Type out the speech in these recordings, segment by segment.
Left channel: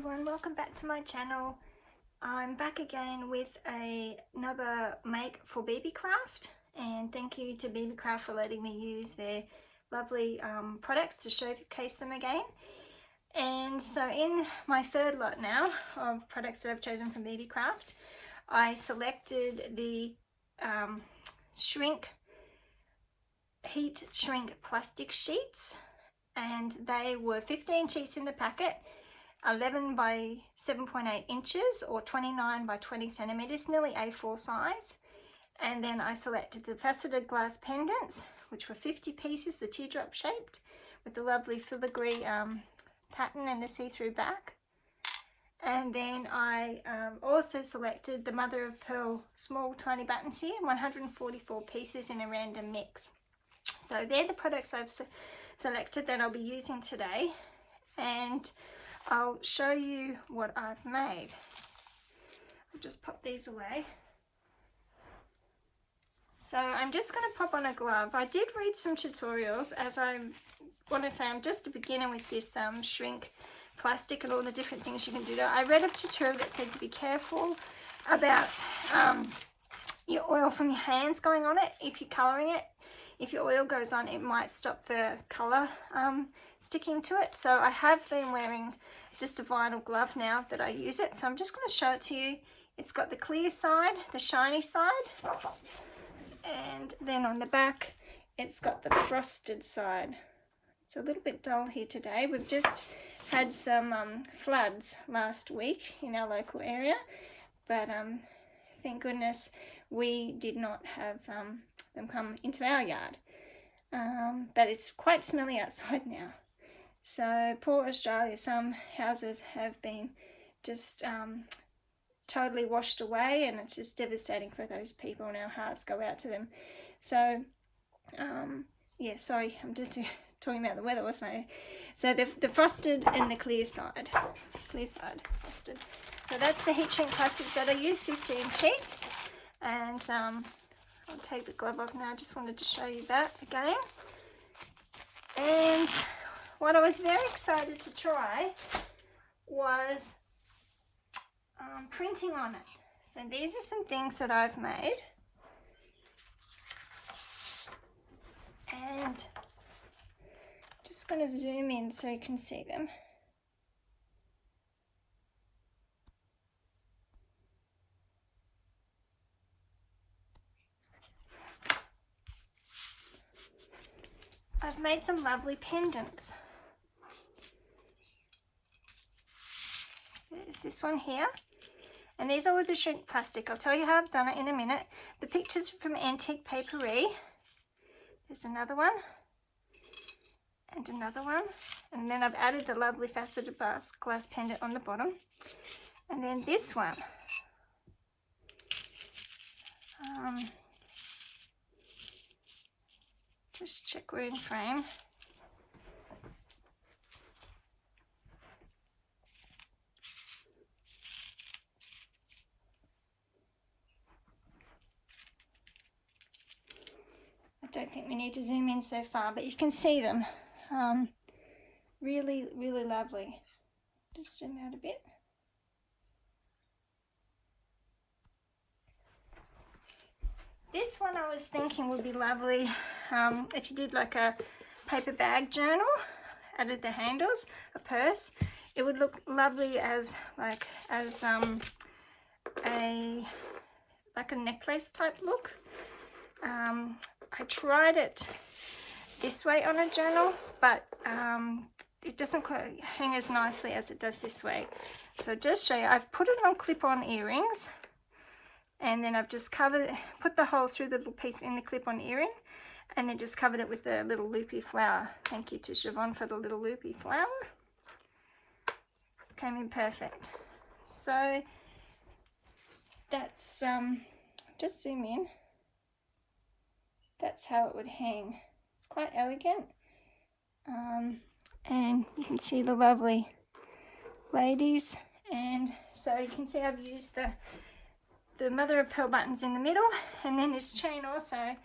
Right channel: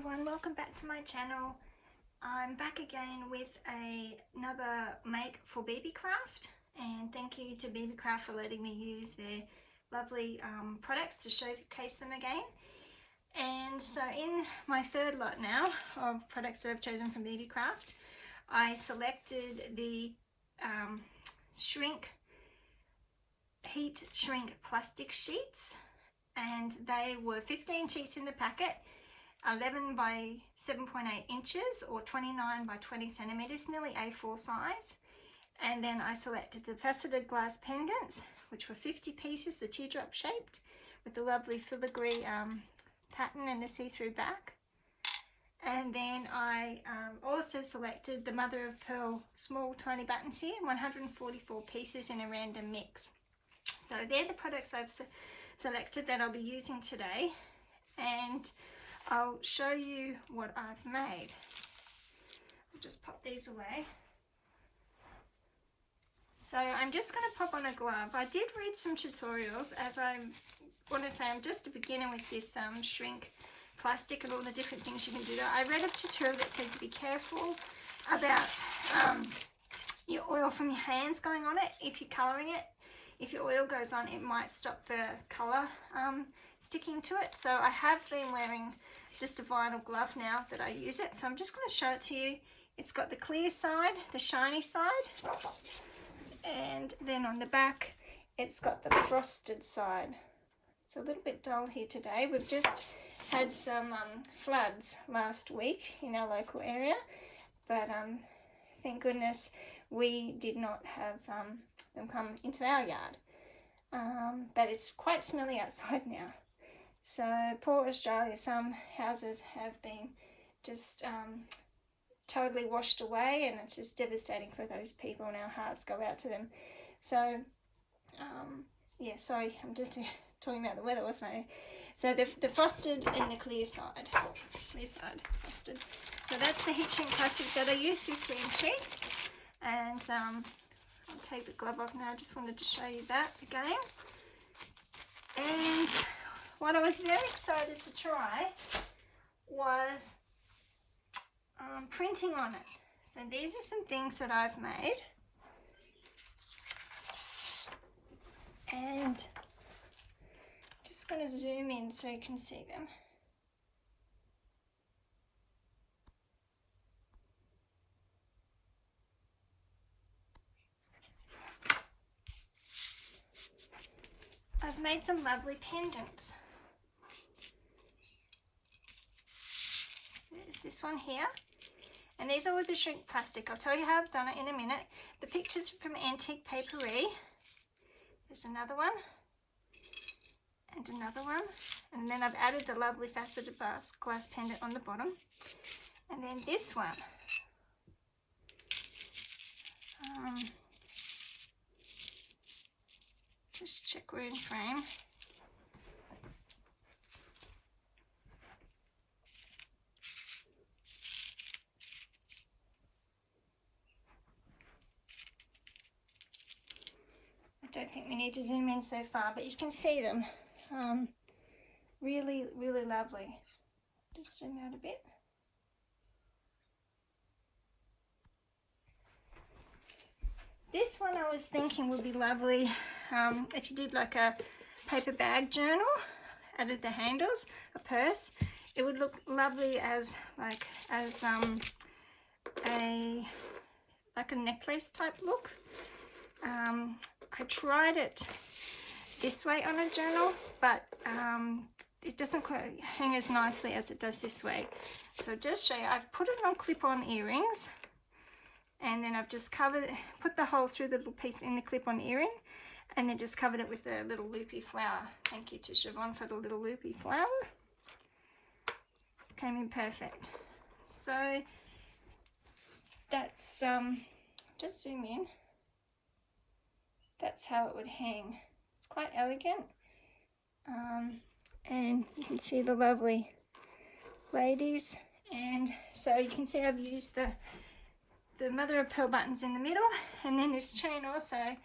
everyone, welcome back to my channel. I'm back again with another make for Beebeecraft, and thank you to Beebeecraft for letting me use their lovely products to showcase them again. And so in my third lot now of products that I've chosen from Beebeecraft, I selected the heat shrink plastic sheets, and they were 15 sheets in the packet, 11 by 7.8 inches or 29 by 20 centimeters, nearly A4 size. And then I selected the faceted glass pendants, which were 50 pieces, the teardrop shaped, with the lovely filigree pattern and the see-through back. And then I also selected the mother of pearl small tiny buttons here, 144 pieces in a random mix. So they're the products I've selected that I'll be using today, and I'll show you what I've made. I'll just pop these away. So I'm just going to pop on a glove. I did read some tutorials, as I want to say I'm just a beginner with this shrink plastic and all the different things you can do. I read a tutorial that said to be careful about your oil from your hands going on it if you're colouring it. If your oil goes on, it might stop the colour sticking to it. So I have been wearing just a vinyl glove now that I use it. So I'm just going to show it to you. It's got the clear side, the shiny side, and then on the back it's got the frosted side. It's a little bit dull here today. We've just had some floods last week in our local area, but thank goodness we did not have them come into our yard. But it's quite smelly outside now. So poor Australia, some houses have been just totally washed away, and it's just devastating for those people, and our hearts go out to them. So yeah, sorry, I'm just talking about the weather, wasn't I? So the frosted and the clear side frosted. So that's the heat shrink plastic that I used, 15 sheets. And I'll take the glove off now. I just wanted to show you that again. And what I was very excited to try was printing on it. So these are some things that I've made. And just going to zoom in so you can see them. I've made some lovely pendants. There's this one here, and these are with the shrink plastic. I'll tell you how I've done it in a minute. The picture's from Antique Papery. There's another one, and another one, and then I've added the lovely faceted glass pendant on the bottom, and then this one. Just check we're in frame. I don't think we need to zoom in so far, but you can see them. Really, really lovely. Just zoom out a bit. This one I was thinking would be lovely if you did like a paper bag journal, added the handles, a purse. It would look lovely as a necklace type look. I tried it this way on a journal, but it doesn't quite hang as nicely as it does this way. So just show you, I've put it on clip-on earrings, and then I've just put the hole through the little piece in the clip-on earring, and then just covered it with the little loopy flower. Thank you to Siobhan for the little loopy flower. Came in perfect. So that's, just zoom in. That's how it would hang. It's quite elegant. And you can see the lovely ladies. And so you can see I've used the mother of pearl buttons in the middle, and then this chain also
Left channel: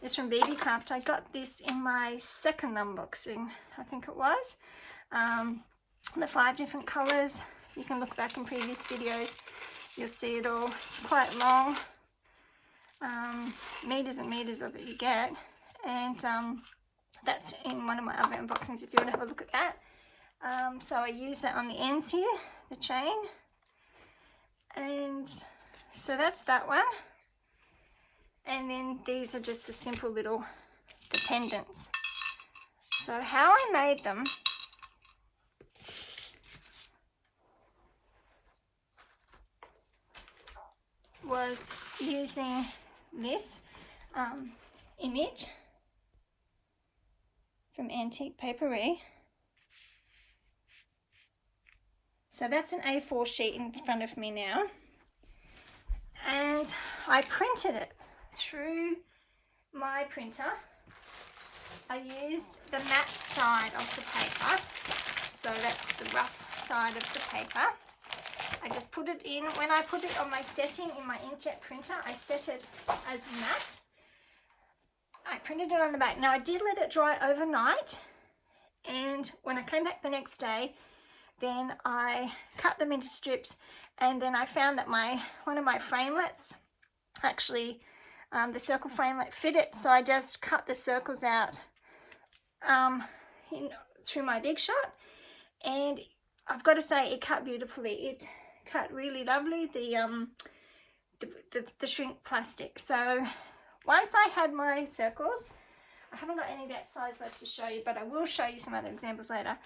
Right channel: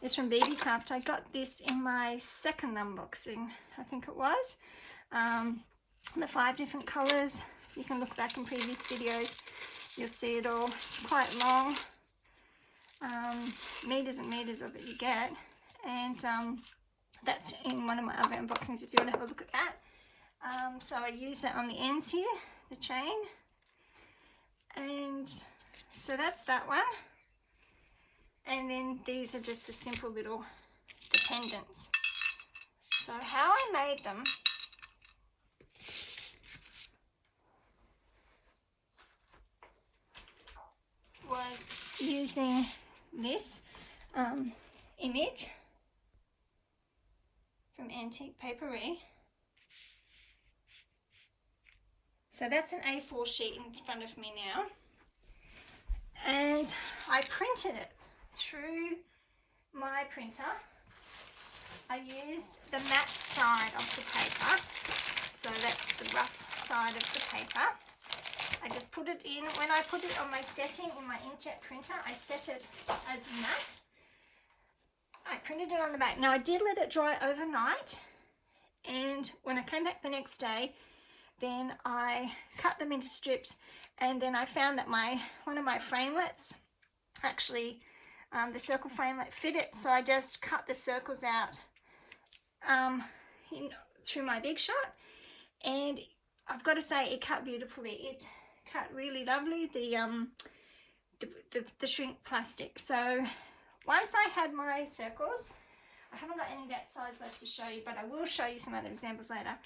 is from Beebeecraft. I got this in my second unboxing, I think it was. The 5 different colours, You can look back in previous videos, you'll see it all. It's quite long, meters and meters of it you get, and that's in one of my other unboxings if you want to have a look at that. So I use that on the ends here, the chain, and so that's that one. And then these are just the simple little pendants. So how I made them was using this image from Antique Papery. So that's an A4 sheet in front of me now, and I printed it through my printer. I used the matte side of the paper, so that's the rough side of the paper. I just put it in. When I put it on my setting in my inkjet printer, I set it as matte. I printed it on the back. Now I did let it dry overnight, and when I came back the next day, then I cut them into strips, and then I found that one of my framelets, actually the circle framelit, fit it, so I just cut the circles out through my Big Shot, and I've got to say it cut beautifully. It cut really lovely, the shrink plastic. So once I had my circles, I haven't got any of that size left to show you, but I will show you some other examples later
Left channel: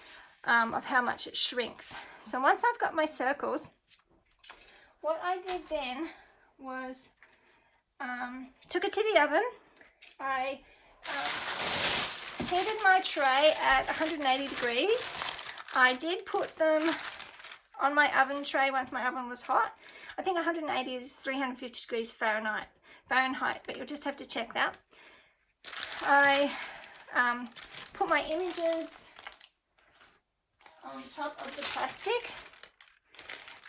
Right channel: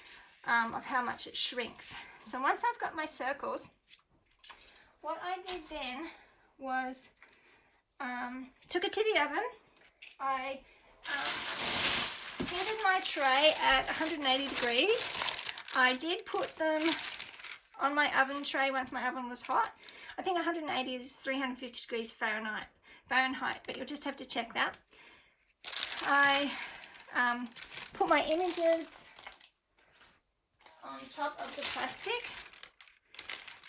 of how much it shrinks. So once I've got my circles, what I did then was took it to the oven. I heated my tray at 180 degrees. I did put them on my oven tray once my oven was hot. I think 180 is 350 degrees Fahrenheit, but you'll just have to check that. I put my images on top of the plastic,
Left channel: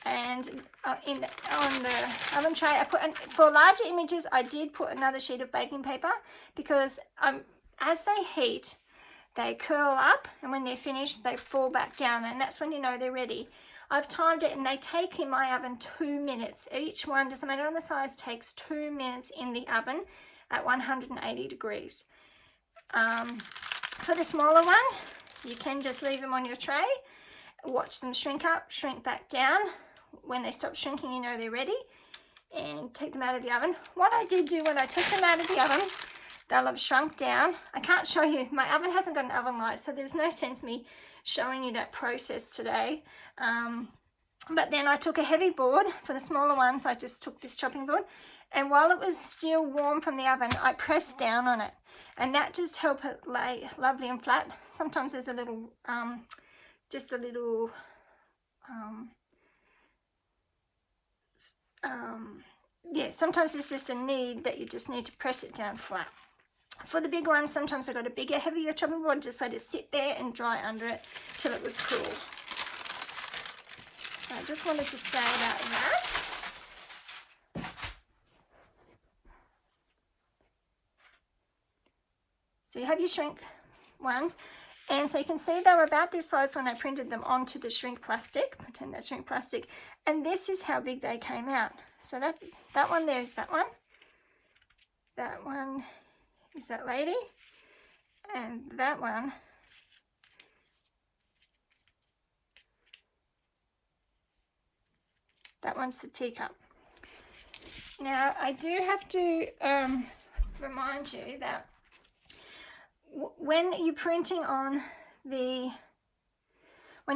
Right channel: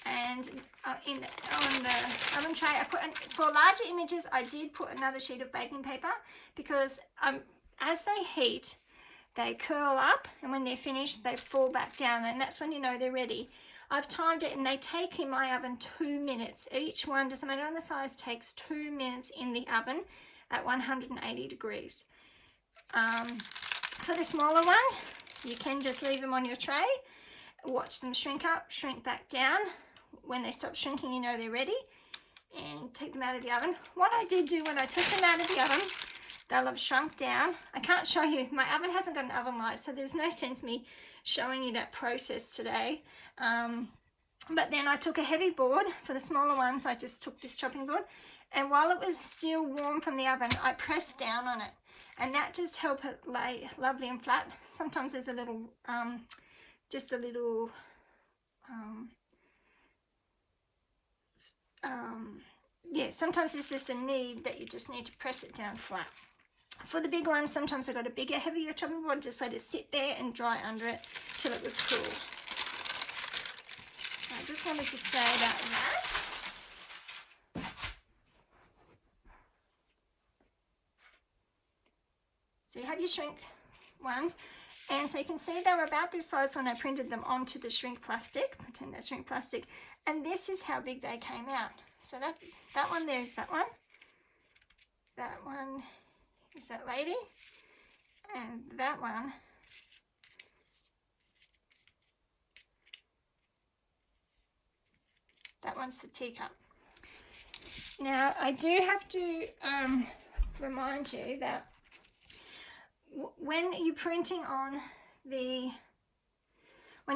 and on the oven tray I put, for larger images I did put another sheet of baking paper, because as they heat they curl up, and when they're finished they fall back down, and that's when you know they're ready. I've timed it, and they take in my oven 2 minutes. Each one, doesn't matter on the size, takes 2 minutes in the oven at 180 degrees. For the smaller one, you can just leave them on your tray, watch them shrink up, shrink back down. When they stop shrinking, you know they're ready, and take them out of the oven. What I did do when I took them out of the oven, they'll have shrunk down. I can't show you, my oven hasn't got an oven light, so there's no sense me showing you that process today. But then I took a heavy board. For the smaller ones, I just took this chopping board, and while it was still warm from the oven, I pressed down on it, and that just helped it lay lovely and flat. Sometimes there's a little, just a little, yeah, sometimes it's just a need that you just need to press it down flat. For the big ones, sometimes I got a bigger, heavier chopping board, just let it sit there and dry under it till it was cool. So I just wanted to say about that. So you have your shrink ones, and so you can see they were about this size when I printed them onto the shrink plastic. Pretend that's shrink plastic, and this is how big they came out. So that one there is that one. That one is that lady, and that one one's the teacup. Now I do have to remind you that when you're printing on when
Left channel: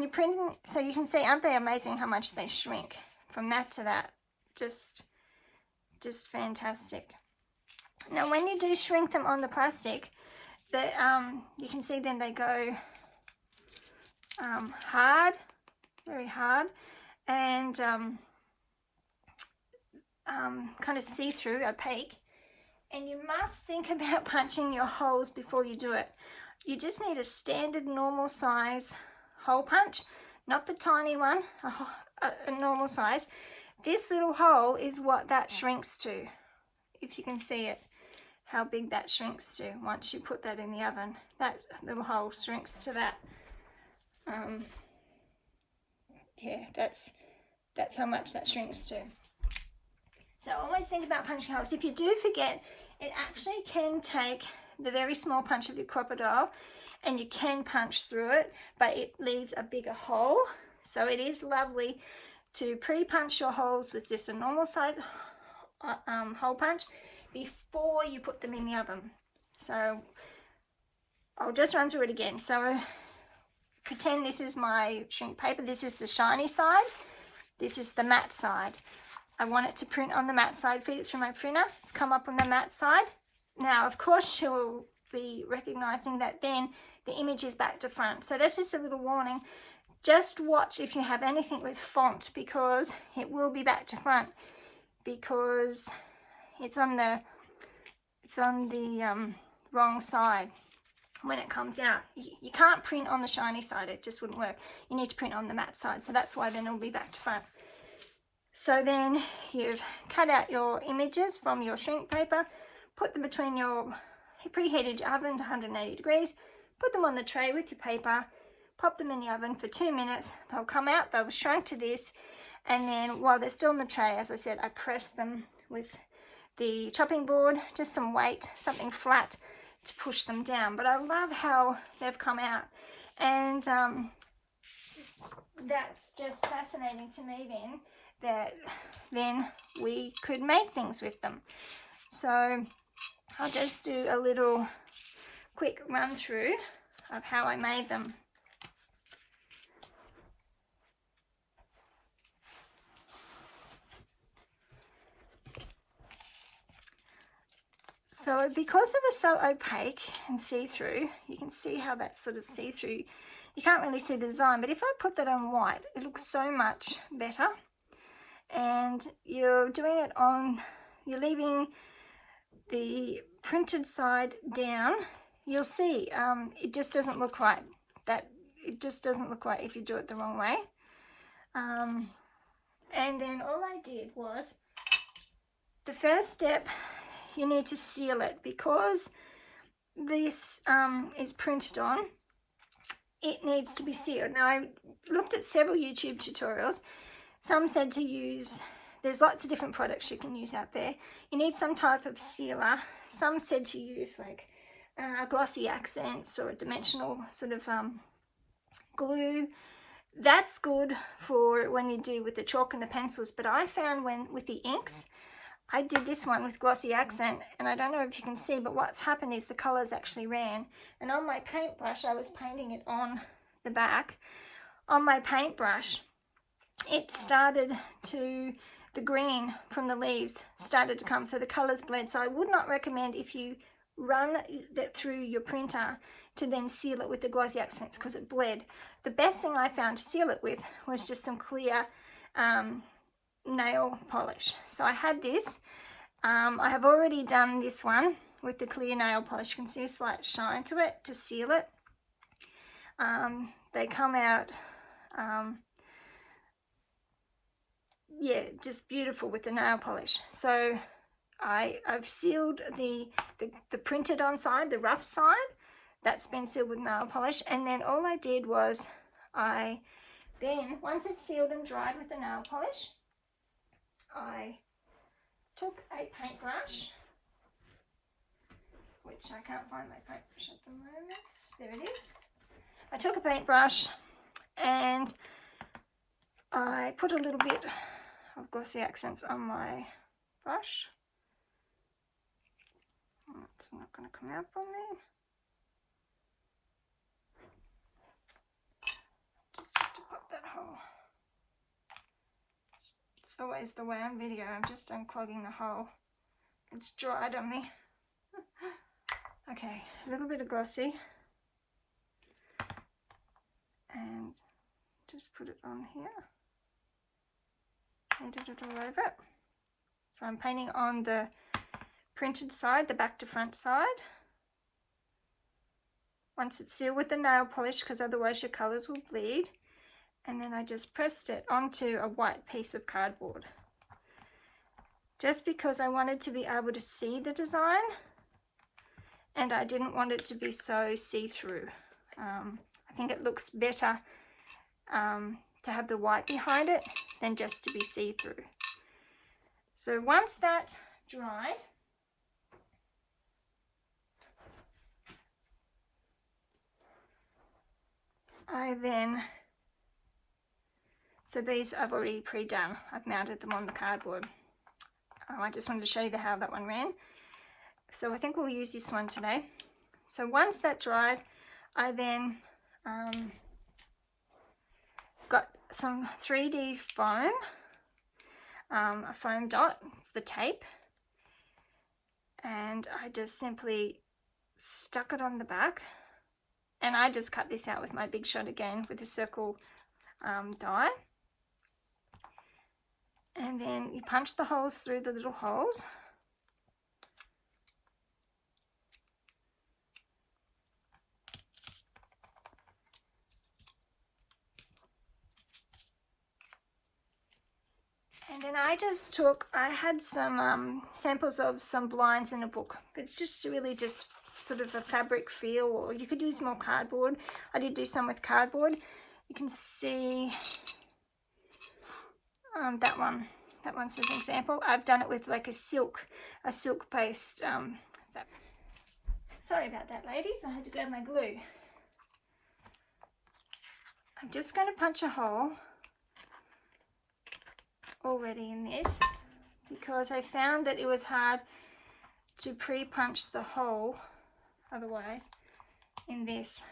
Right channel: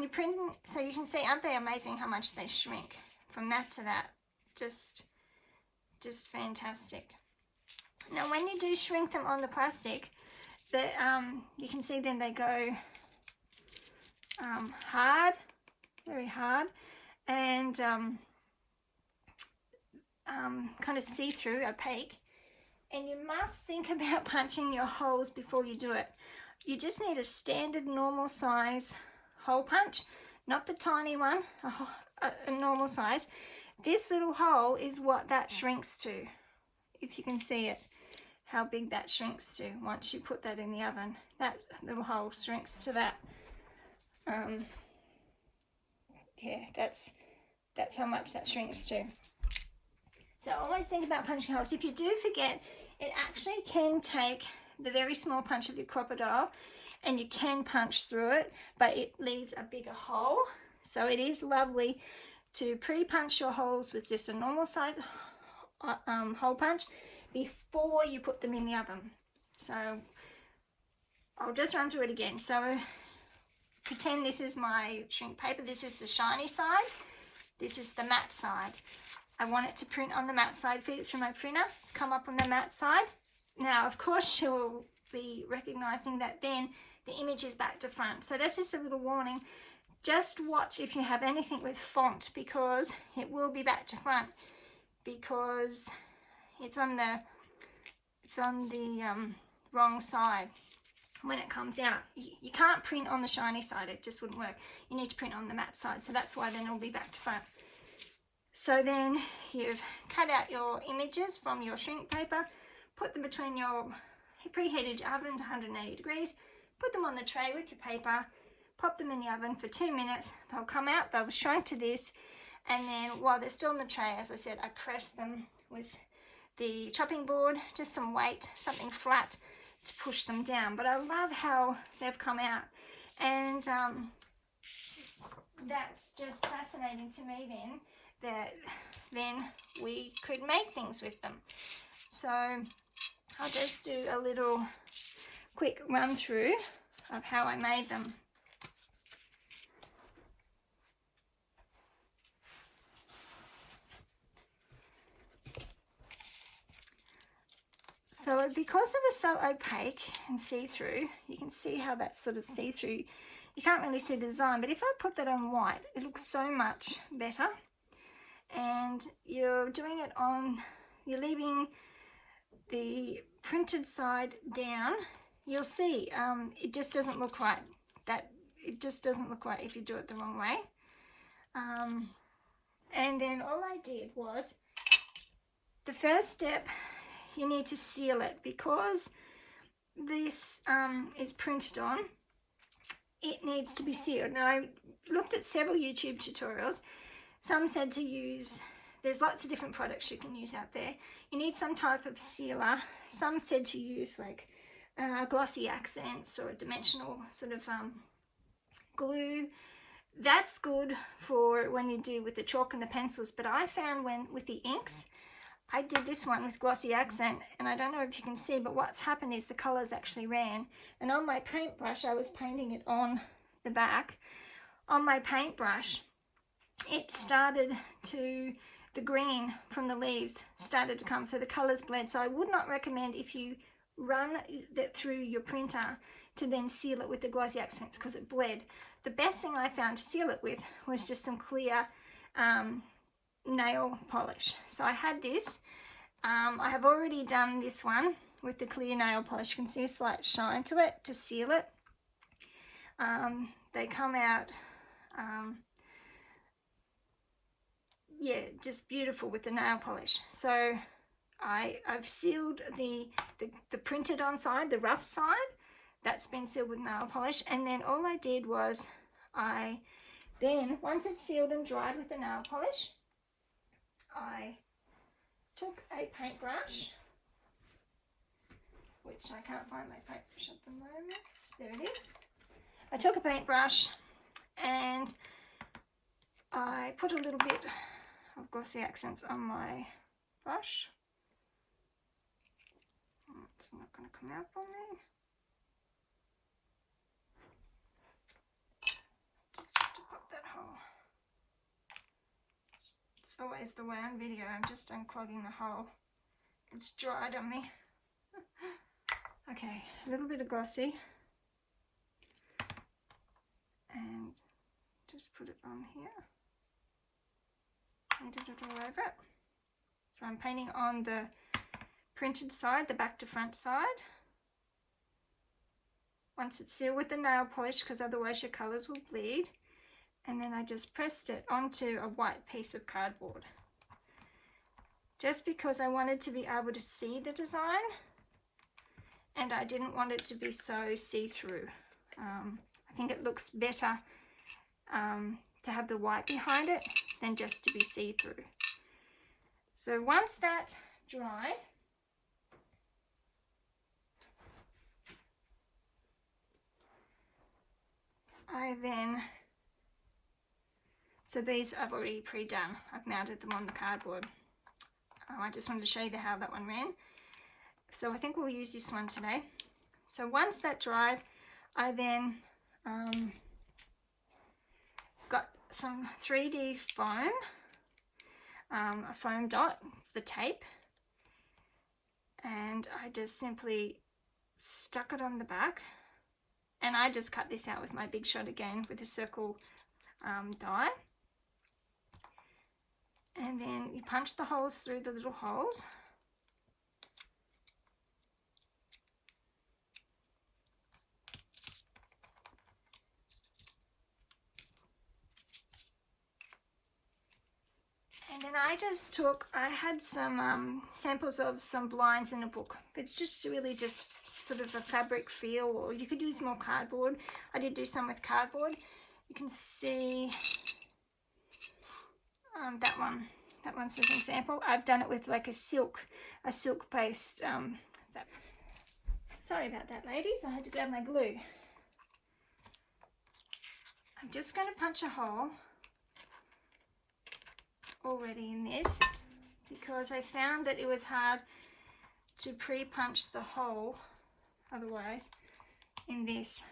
you're printing, so you can see, aren't they amazing how much they shrink from that to that? Just fantastic. Now when you do shrink them on the plastic, you can see then they go hard, very hard, and kind of see-through, opaque. And you must think about punching your holes before you do it. You just need a standard normal size hole punch, not the tiny one, a normal size. This little hole is what that shrinks to, if you can see it, how big that shrinks to once you put that in the oven. That little hole shrinks to that. Yeah, that's that's how much that shrinks to. So always think about punching holes. If you do forget, it actually can take the very small punch of your crocodile and you can punch through it, but it leaves a bigger hole. So it is lovely to pre-punch your holes with just a normal size hole punch before you put them in the oven. So I'll just run through it again. So pretend this is my shrink paper. This is the shiny side. This is the matte side. I want it to print on the matte side. Feed it through my printer. It's come up on the matte side. Now, of course, you'll be recognizing that then the image is back to front. So that's just a little warning. Just watch if you have anything with font, because it will be back to front, because it's on the wrong side when it comes out. You can't print on the shiny side, it just wouldn't work. You need to print on the matte side, so that's why then it'll be back to front. So then you've cut out your images from your shrink paper, put them between your preheated oven to 180 degrees, put them on the tray with your paper, pop them in the oven for 2 minutes. They'll come out, they'll shrink to this, and then while they're still in the tray, as I said, I press them with the chopping board, just some weight, something flat to push them down. But I love how they've come out, and that's just fascinating to me then, that then we could make things with them. So I'll just do a little quick run through of how I made them. So because it was so opaque and see-through, you can see how that's sort of see-through. You can't really see the design, but if I put that on white, it looks so much better. And you're doing it on, you're leaving the printed side down. You'll see it just doesn't look right. It just doesn't look right if you do it the wrong way. And then all I did was, the first step, you need to seal it, because this is printed on. It needs to be sealed. Now, I looked at several YouTube tutorials. Some said to use, there's lots of different products you can use out there. You need some type of sealer. Some said to use like glossy accents or a dimensional sort of glue. That's good for when you do with the chalk and the pencils, but I found with the inks, I did this one with glossy accent, and I don't know if you can see, but what's happened is the colours actually ran. And on my paintbrush, I was painting it on the back. On my paintbrush, it started to, the green from the leaves started to come, so the colours bled. So I would not recommend, if you run that through your printer, to then seal it with the glossy accents, because it bled. The best thing I found to seal it with was just some clear nail polish. So I had this. I have already done this one with the clear nail polish. You can see a slight shine to it to seal it. They come out yeah, just beautiful with the nail polish. So I've sealed the printed on side, the rough side. That's been sealed with nail polish. And then all I did was once it's sealed and dried with the nail polish, I took a paintbrush, which I can't find my paintbrush at the moment. There it is. I took a paintbrush and I put a little bit of glossy accents on my brush. It's not going to come out for me. Just have to pop that hole. It's always the way on video. I'm just unclogging the hole. It's dried on me. Okay, a little bit of glossy. And just put it on here. Painted it all over it. So I'm painting on the printed side, the back to front side. Once it's sealed with the nail polish, because otherwise your colours will bleed. And then I just pressed it onto a white piece of cardboard. Just because I wanted to be able to see the design, and I didn't want it to be so see-through. I think it looks better to have the white behind it than just to be see-through. So once that dried, so these I've already pre-done. I've mounted them on the cardboard. I just wanted to show you how that one ran. So I think we'll use this one today. So once that dried, I then got some 3D foam, a foam dot for tape, and I just simply stuck it on the back, and I just cut this out with my Big Shot again with a circle die, and then you punch the holes through the little holes. And then I had some samples of some blinds in a book. It's just really just sort of a fabric feel, or you could use more cardboard. I did do some with cardboard. You can see that one's an example. I've done it with like a silk based fabric. Sorry about that, ladies. I had to grab my glue. I'm just going to punch a hole already in this, because I found that it was hard to pre-punch the hole otherwise in this.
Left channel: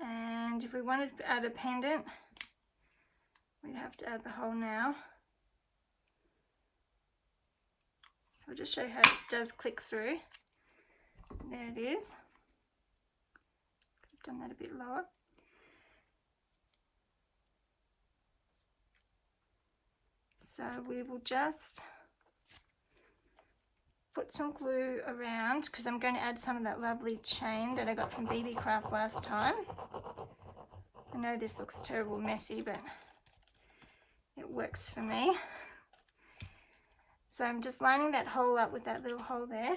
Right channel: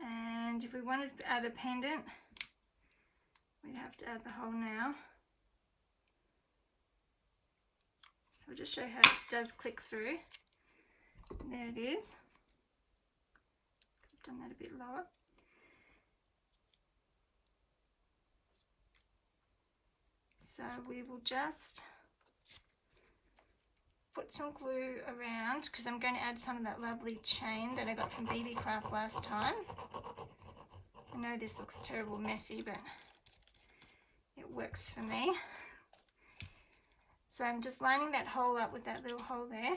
And if we wanted to add a pendant, we'd have to add the hole now. So I'll just show you how it does click through. There it is. I've done that a bit lower. So we will just put some glue around, because I'm going to add some of that lovely chain that I got from Beebeecraft last time. I know this looks terrible messy, but it works for me. So I'm just lining that hole up with that little hole there.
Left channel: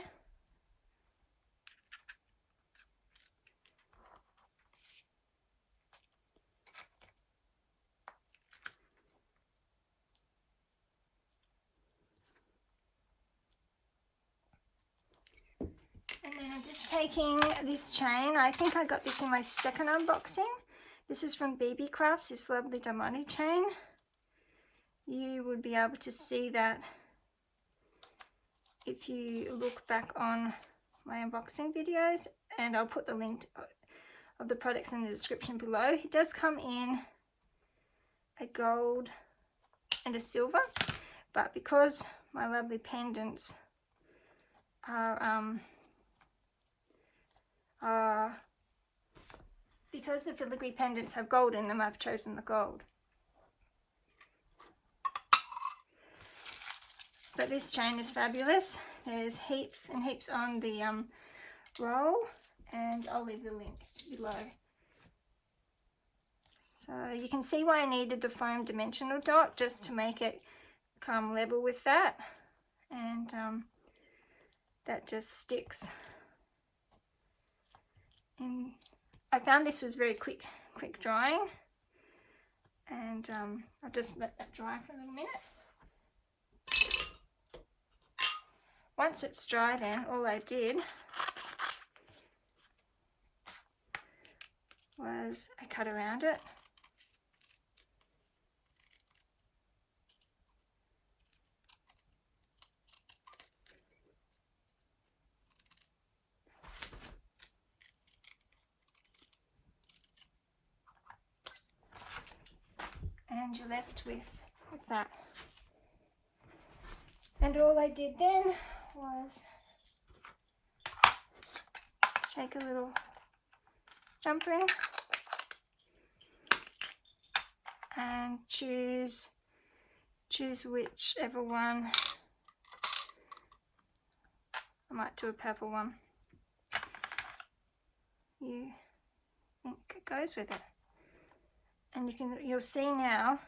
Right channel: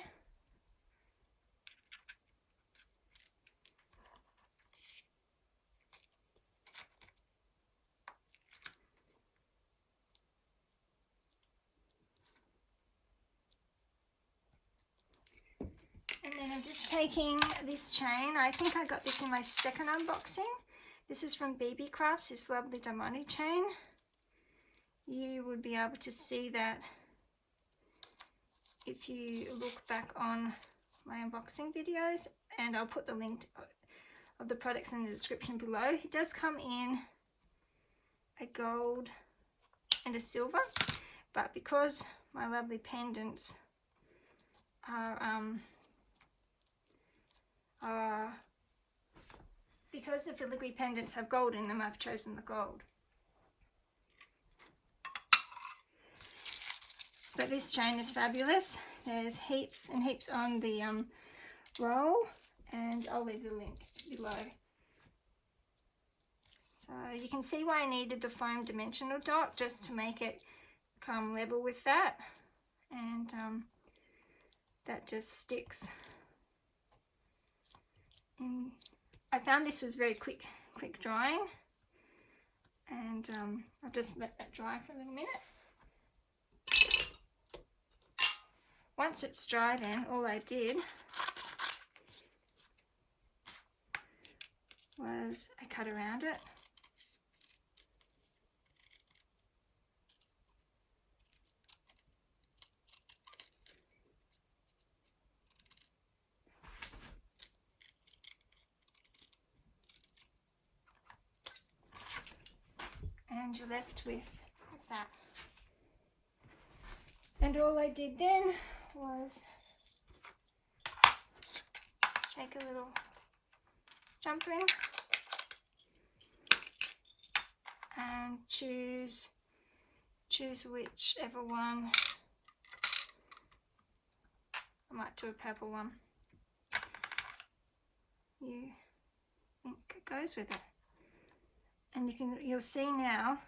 And then I'm just taking this chain. I think I got this in my second unboxing. This is from Beebeecraft, this lovely diamond chain. You would be able to see that if you look back on my unboxing videos, and I'll put the link of the products in the description below. It does come in a gold and a silver, but because my lovely pendants because the filigree pendants have gold in them, I've chosen the gold. But this chain is fabulous. There's heaps and heaps on the roll, and I'll leave the link below. So you can see why I needed the foam dimensional dot, just to make it come level with that, and that just sticks. And I found this was very quick drying, and I'll just let that dry for a little minute. Once it's dry, then all I did was I cut around it. And you're left with that. And all I did then was take a little jump ring and choose whichever one. I might do a purple one you think goes with it. And you'll see now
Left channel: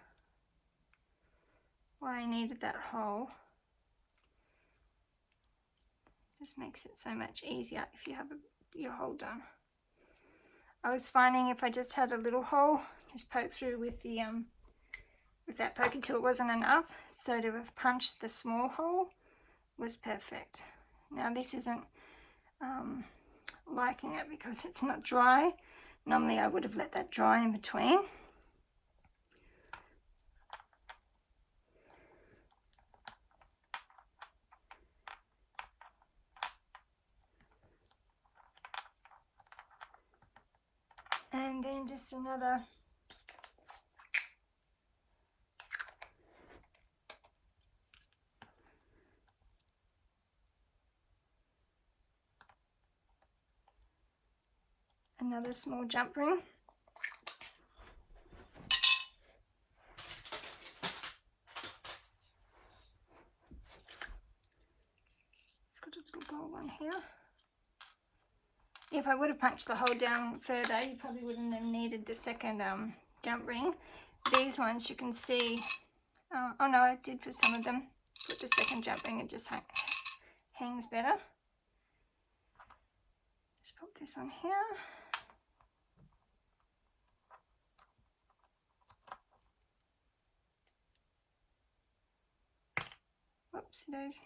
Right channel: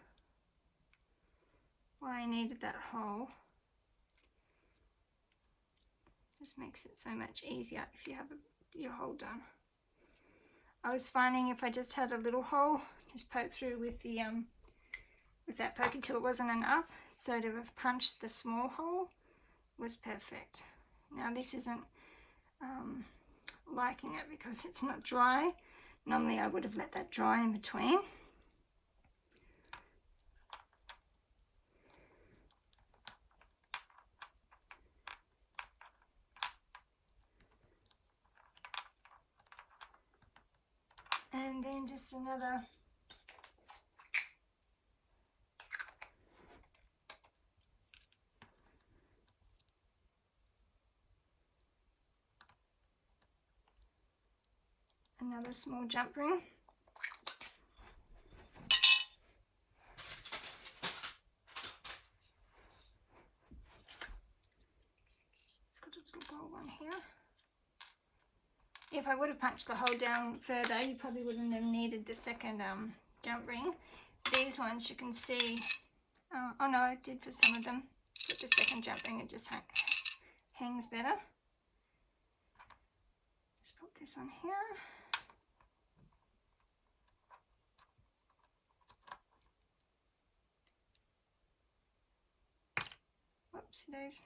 why I needed that hole. Just makes it so much easier if you have your hole done. I was finding if I just had a little hole, just poke through with the with that poker tool wasn't enough, so to have punched the small hole was perfect. Now this isn't liking it because it's not dry. Normally I would have let that dry in between. And then just another small jump ring. It's got a little gold one here. If I would have punched the hole down further, you probably wouldn't have needed the second jump ring. These ones you can see, oh no, I did for some of them. Put the second jump ring, it just hangs better. Just put this on here. Oopsie days.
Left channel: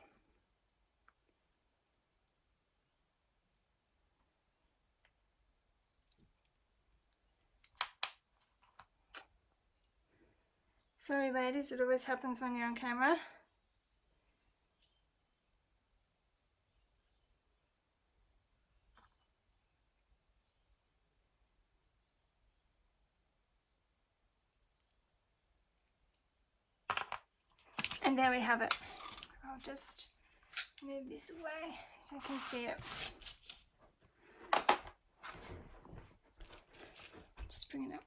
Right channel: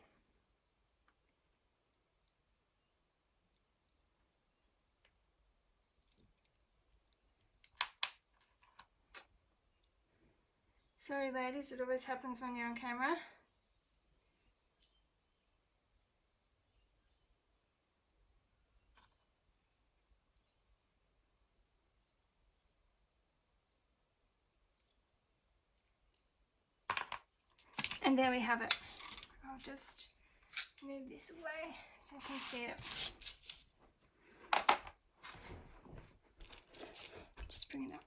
Sorry ladies, it always happens when you're on camera. And there we have it. I'll just move this away so you can see it. Just bring it up.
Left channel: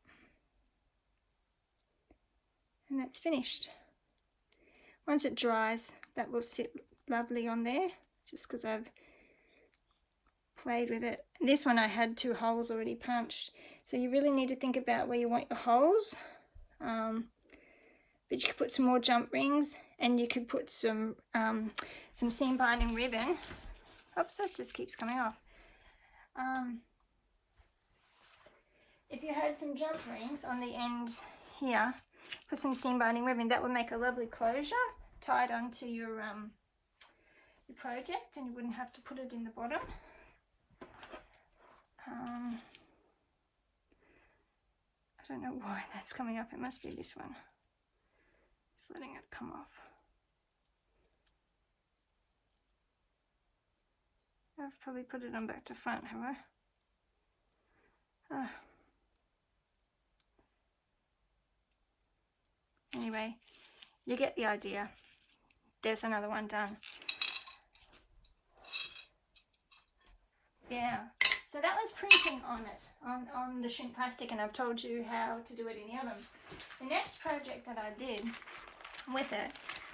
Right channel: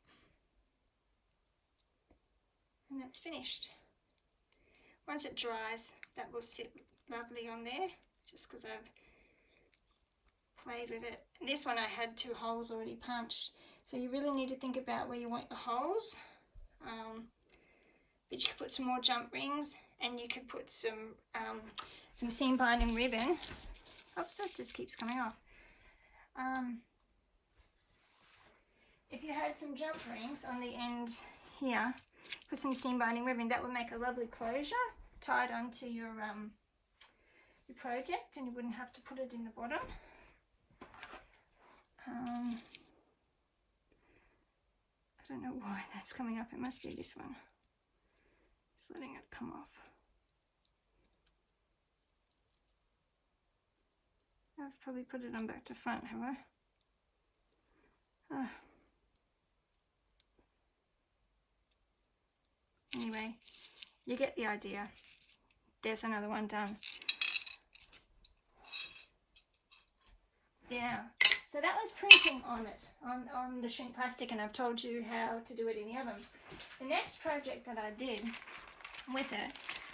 And that's finished. Once it dries, that will sit lovely on there, just because I've played with it. And this one I had 2 holes already punched, so you really need to think about where you want your holes. But you could put some more jump rings, and you could put some seam binding ribbon. Oops, that just keeps coming off. If you had some jump rings on the ends here, put some seam binding ribbon, that would make a lovely closure tied onto your project, and you wouldn't have to put it in the bottom. I don't know why that's coming off. It must be this one. Just letting it come off. I've probably put it on back to front, have I? Anyway, you get the idea. There's another one done. Yeah, so that was printing on it, on the shrink plastic, and I've told you how to do it in the oven. The next project that I did with it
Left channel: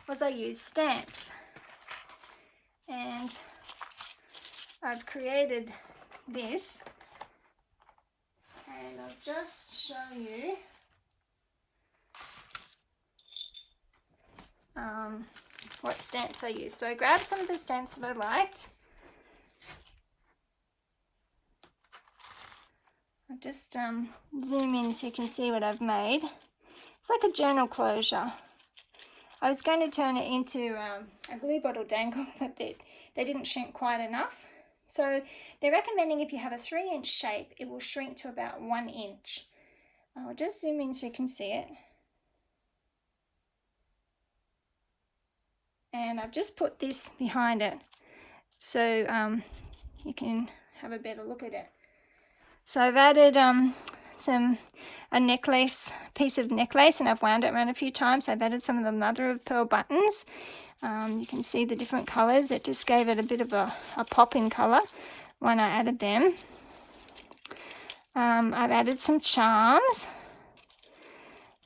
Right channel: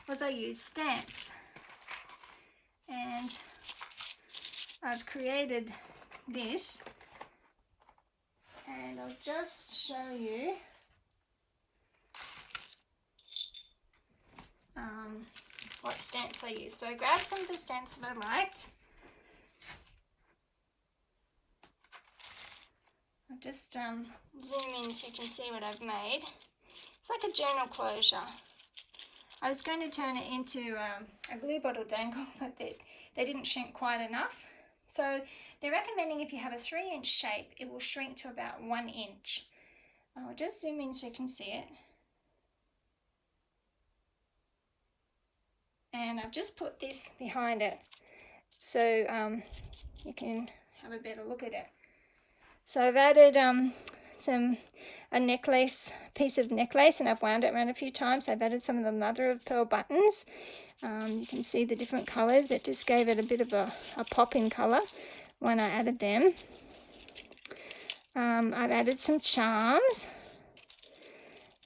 was I used stamps. And I've created this, and I'll just show you what stamps I use. So I grabbed some of the stamps that I liked. I'll just zoom in so you can see what I've made. It's like a journal closure. I was going to turn it into a glue bottle dangle, but they didn't shrink quite enough. So they're recommending if you have a 3-inch shape, it will shrink to about 1 inch. I'll just zoom in so you can see it. And I've just put this behind it so you can have a better look at it. So I've added a necklace, piece of necklace, and I've wound it around a few times. I've added some of the mother of pearl buttons. You can see the different colours. It just gave it a bit of a pop in colour when I added them. I've added some charms,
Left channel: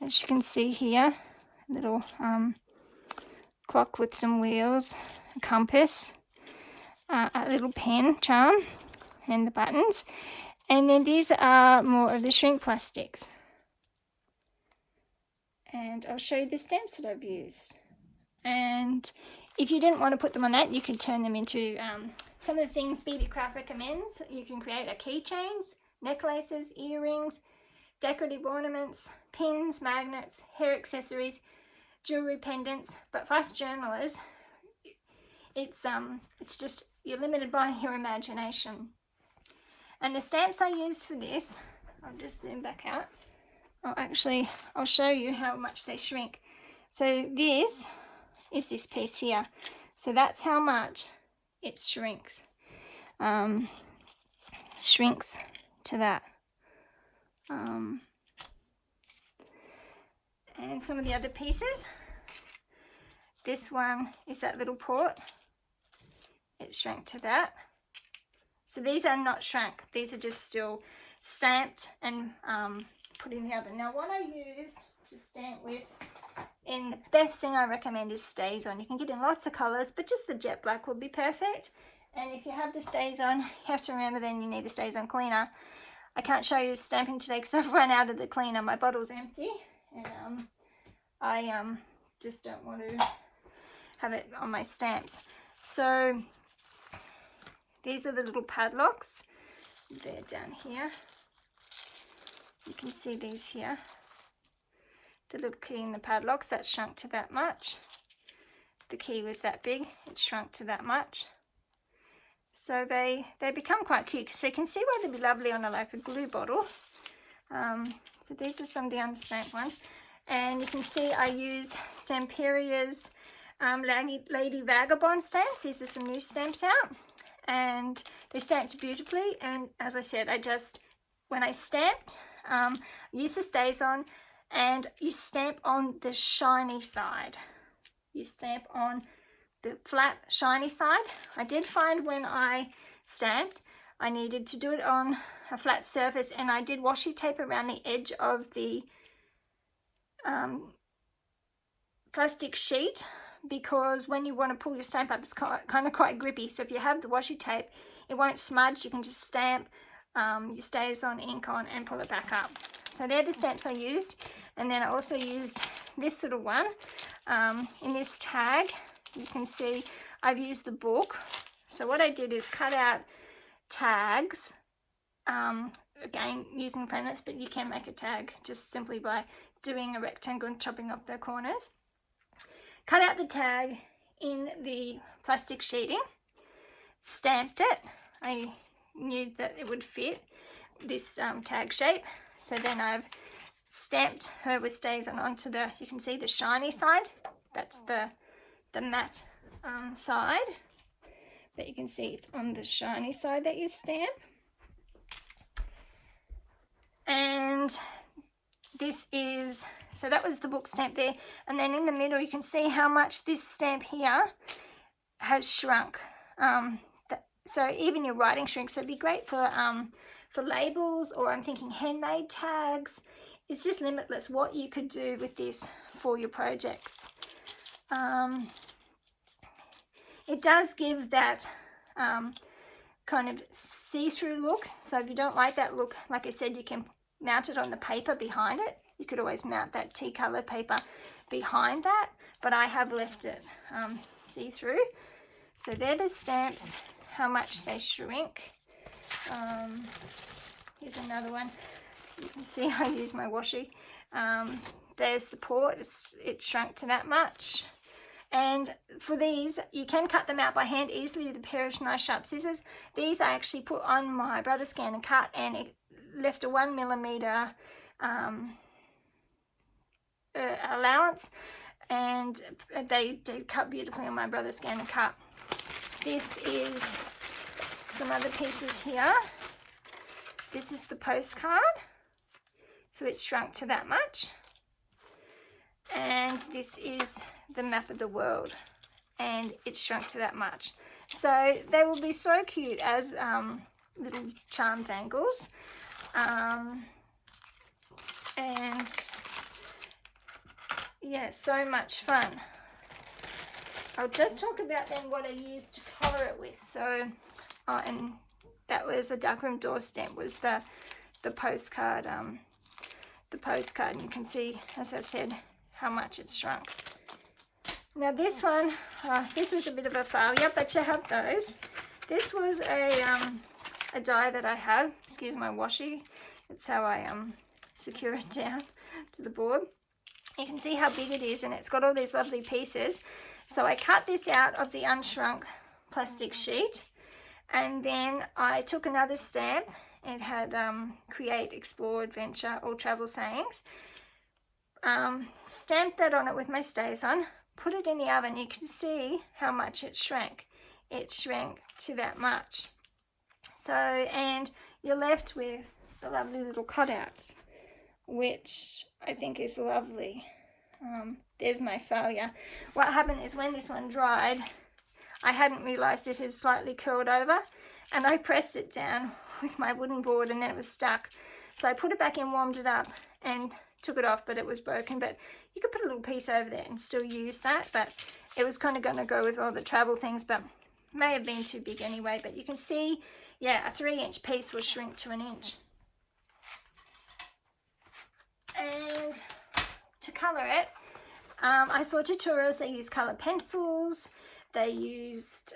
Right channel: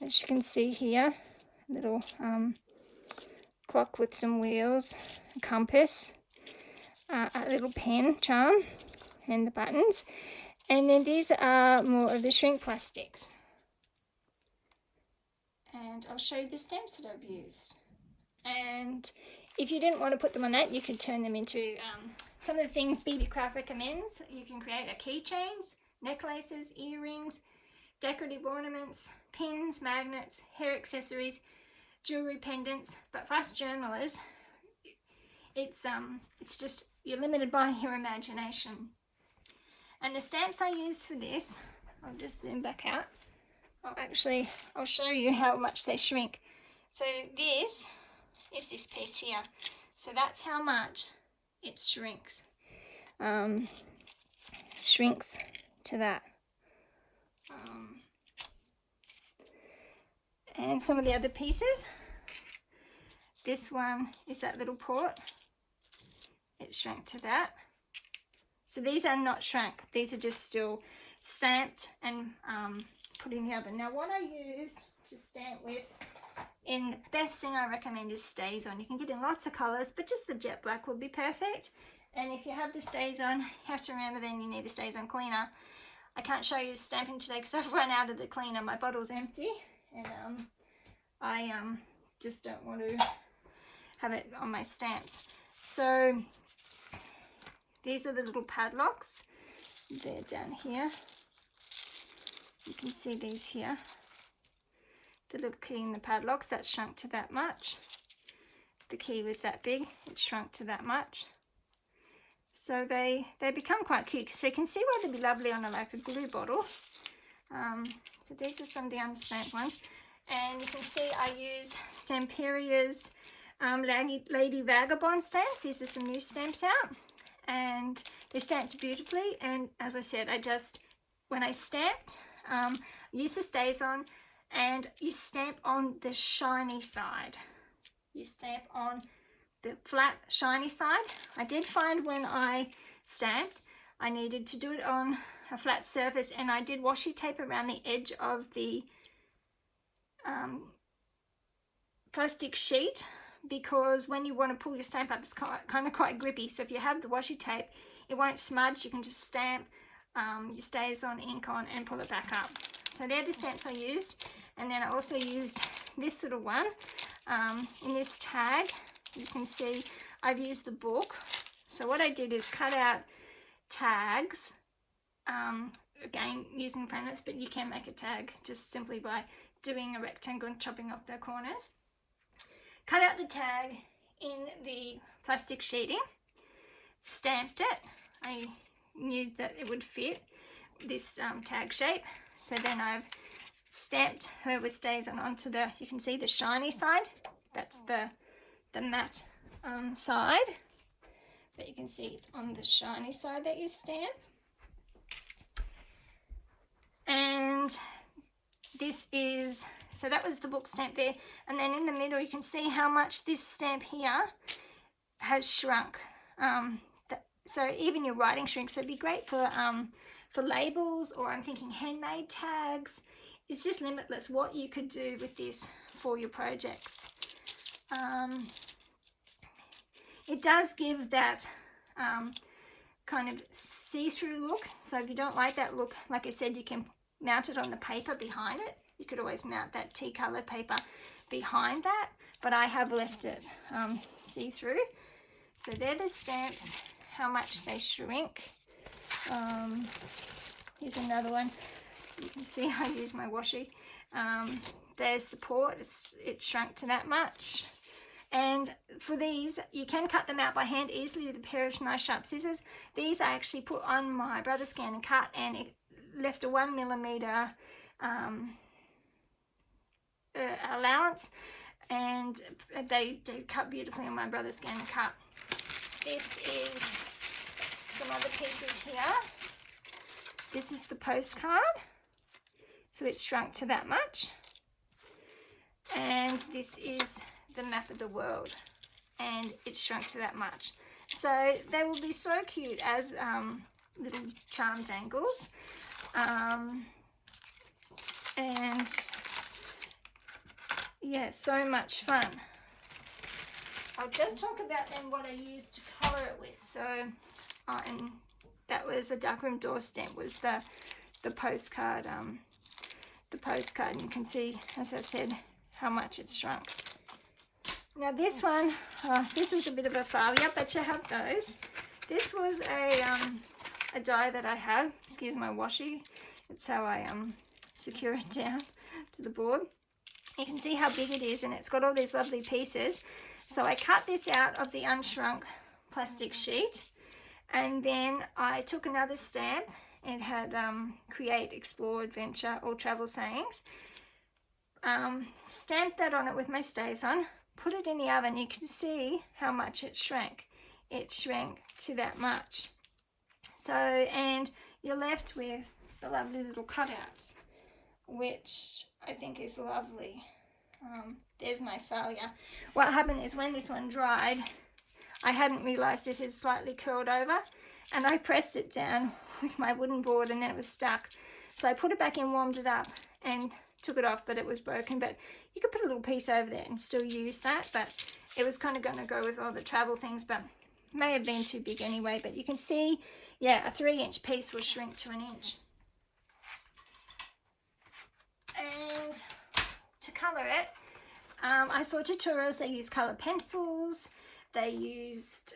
as you can see here. A little clock with some wheels, a compass, a little pen charm, and the buttons. And then these are more of the shrink plastics. And I'll show you the stamps that I've used. And if you didn't want to put them on that, you could turn them into some of the things Beebeecraft recommends. You can create keychains, necklaces, earrings, decorative ornaments, pins, magnets, hair accessories, jewelry, pendants. But for us journalers, it's just, you're limited by your imagination. And the stamps I use for this, I'll just zoom back out. I'll show you how much they shrink. So this is this piece here. So that's how much it shrinks. It shrinks to that. And some of the other pieces. This one is that little port. It shrank to that. So these are not shrunk. These are just still stamped and put in the oven. Now what I use to stamp with, and the best thing I recommend is StazOn. You can get in lots of colours, but just the jet black would be perfect. And if you have the StazOn, you have to remember then you need the StazOn cleaner. I can't show you stamping today because I've run out of the cleaner. My bottle's empty, and I just don't want to have it on my stamps. So these are the little padlocks. They're down here. You can see these here. The little key in the padlocks, that shrunk to that much. The key was that big, it shrunk to that much. So they become quite cute. So you can see why they'd be lovely on like a glue bottle. So these are some of the unstamped ones. And you can see I use Stamperia's Lady Vagabond stamps. These are some new stamps out. And they stamped beautifully. And as I said, when I stamped, use the StazOn, and you stamp on the shiny side. You stamp on the flat shiny side. I did find when I stamped I needed to do it on a flat surface, and I did washi tape around the edge of the plastic sheet, because when you want to pull your stamp up, it's kind of quite grippy. So if you have the washi tape, it won't smudge. You can just stamp your StazOn ink on and pull it back up. So they're the stamps I used. And then I also used this little one in this tag. You can see I've used the book. So what I did is cut out tags, again using pendants, but you can make a tag just simply by doing a rectangle and chopping off the corners. Cut out the tag in the plastic sheeting, stamped it. I knew that it would fit this tag shape. So then I've stamped her with StazOn onto the, you can see the shiny side. That's the matte side. But you can see it's on the shiny side that you stamp. And this is, so that was the book stamp there. And then in the middle you can see how much this stamp here has shrunk. So even your writing shrinks. So it'd be great for labels, or I'm thinking handmade tags. It's just limitless what you could do with this for your projects. It does give that kind of see-through look. So if you don't like that look, like I said, you can mount it on the paper behind it. You could always mount that tea colored paper behind that, but I have left it see-through. So they're the stamps, how much they shrink. Here's another one. You can see I use my washi. There's the port, it shrunk to that much. And for these, you can cut them out by hand easily with a pair of nice sharp scissors. These I actually put on my brother's scan and cut, and it left a 1mm allowance, and they did cut beautifully on my brother's scan and cut. This is some other pieces here. This is the postcard, so it's shrunk to that much. And this is the map of the world, and it's shrunk to that much. So they will be so cute as little charm dangles. And yeah, so much fun. I'll just talk about then what I used to colour it with. So, and that was a darkroom door stamp, was the postcard. The postcard, and you can see, as I said, how much it's shrunk. Now this one, this was a bit of a failure, but you have those. This was a die that I had. Excuse my washi. It's how I secure it down to the board. You can see how big it is, and it's got all these lovely pieces. So I cut this out of the unshrunk plastic sheet, and then I took another stamp. It had create, explore, adventure, or travel sayings. Stamped that on it with my StazOn, put it in the oven. You can see how much it shrank. It shrank to that much. So, and you're left with the lovely little cutouts, which I think is lovely. There's my failure. What happened is when this one dried, I hadn't realized it had slightly curled over, and I pressed it down with my wooden board, and then it was stuck. So I put it back in, warmed it up, and took it off, but it was broken. But you could put a little piece over there and still use that, but it was kind of going to go with all the travel things, but may have been too big anyway. But you can see, yeah, a 3-inch piece will shrink to 1 inch. And to color it, I saw tutorials. They used colored pencils, they used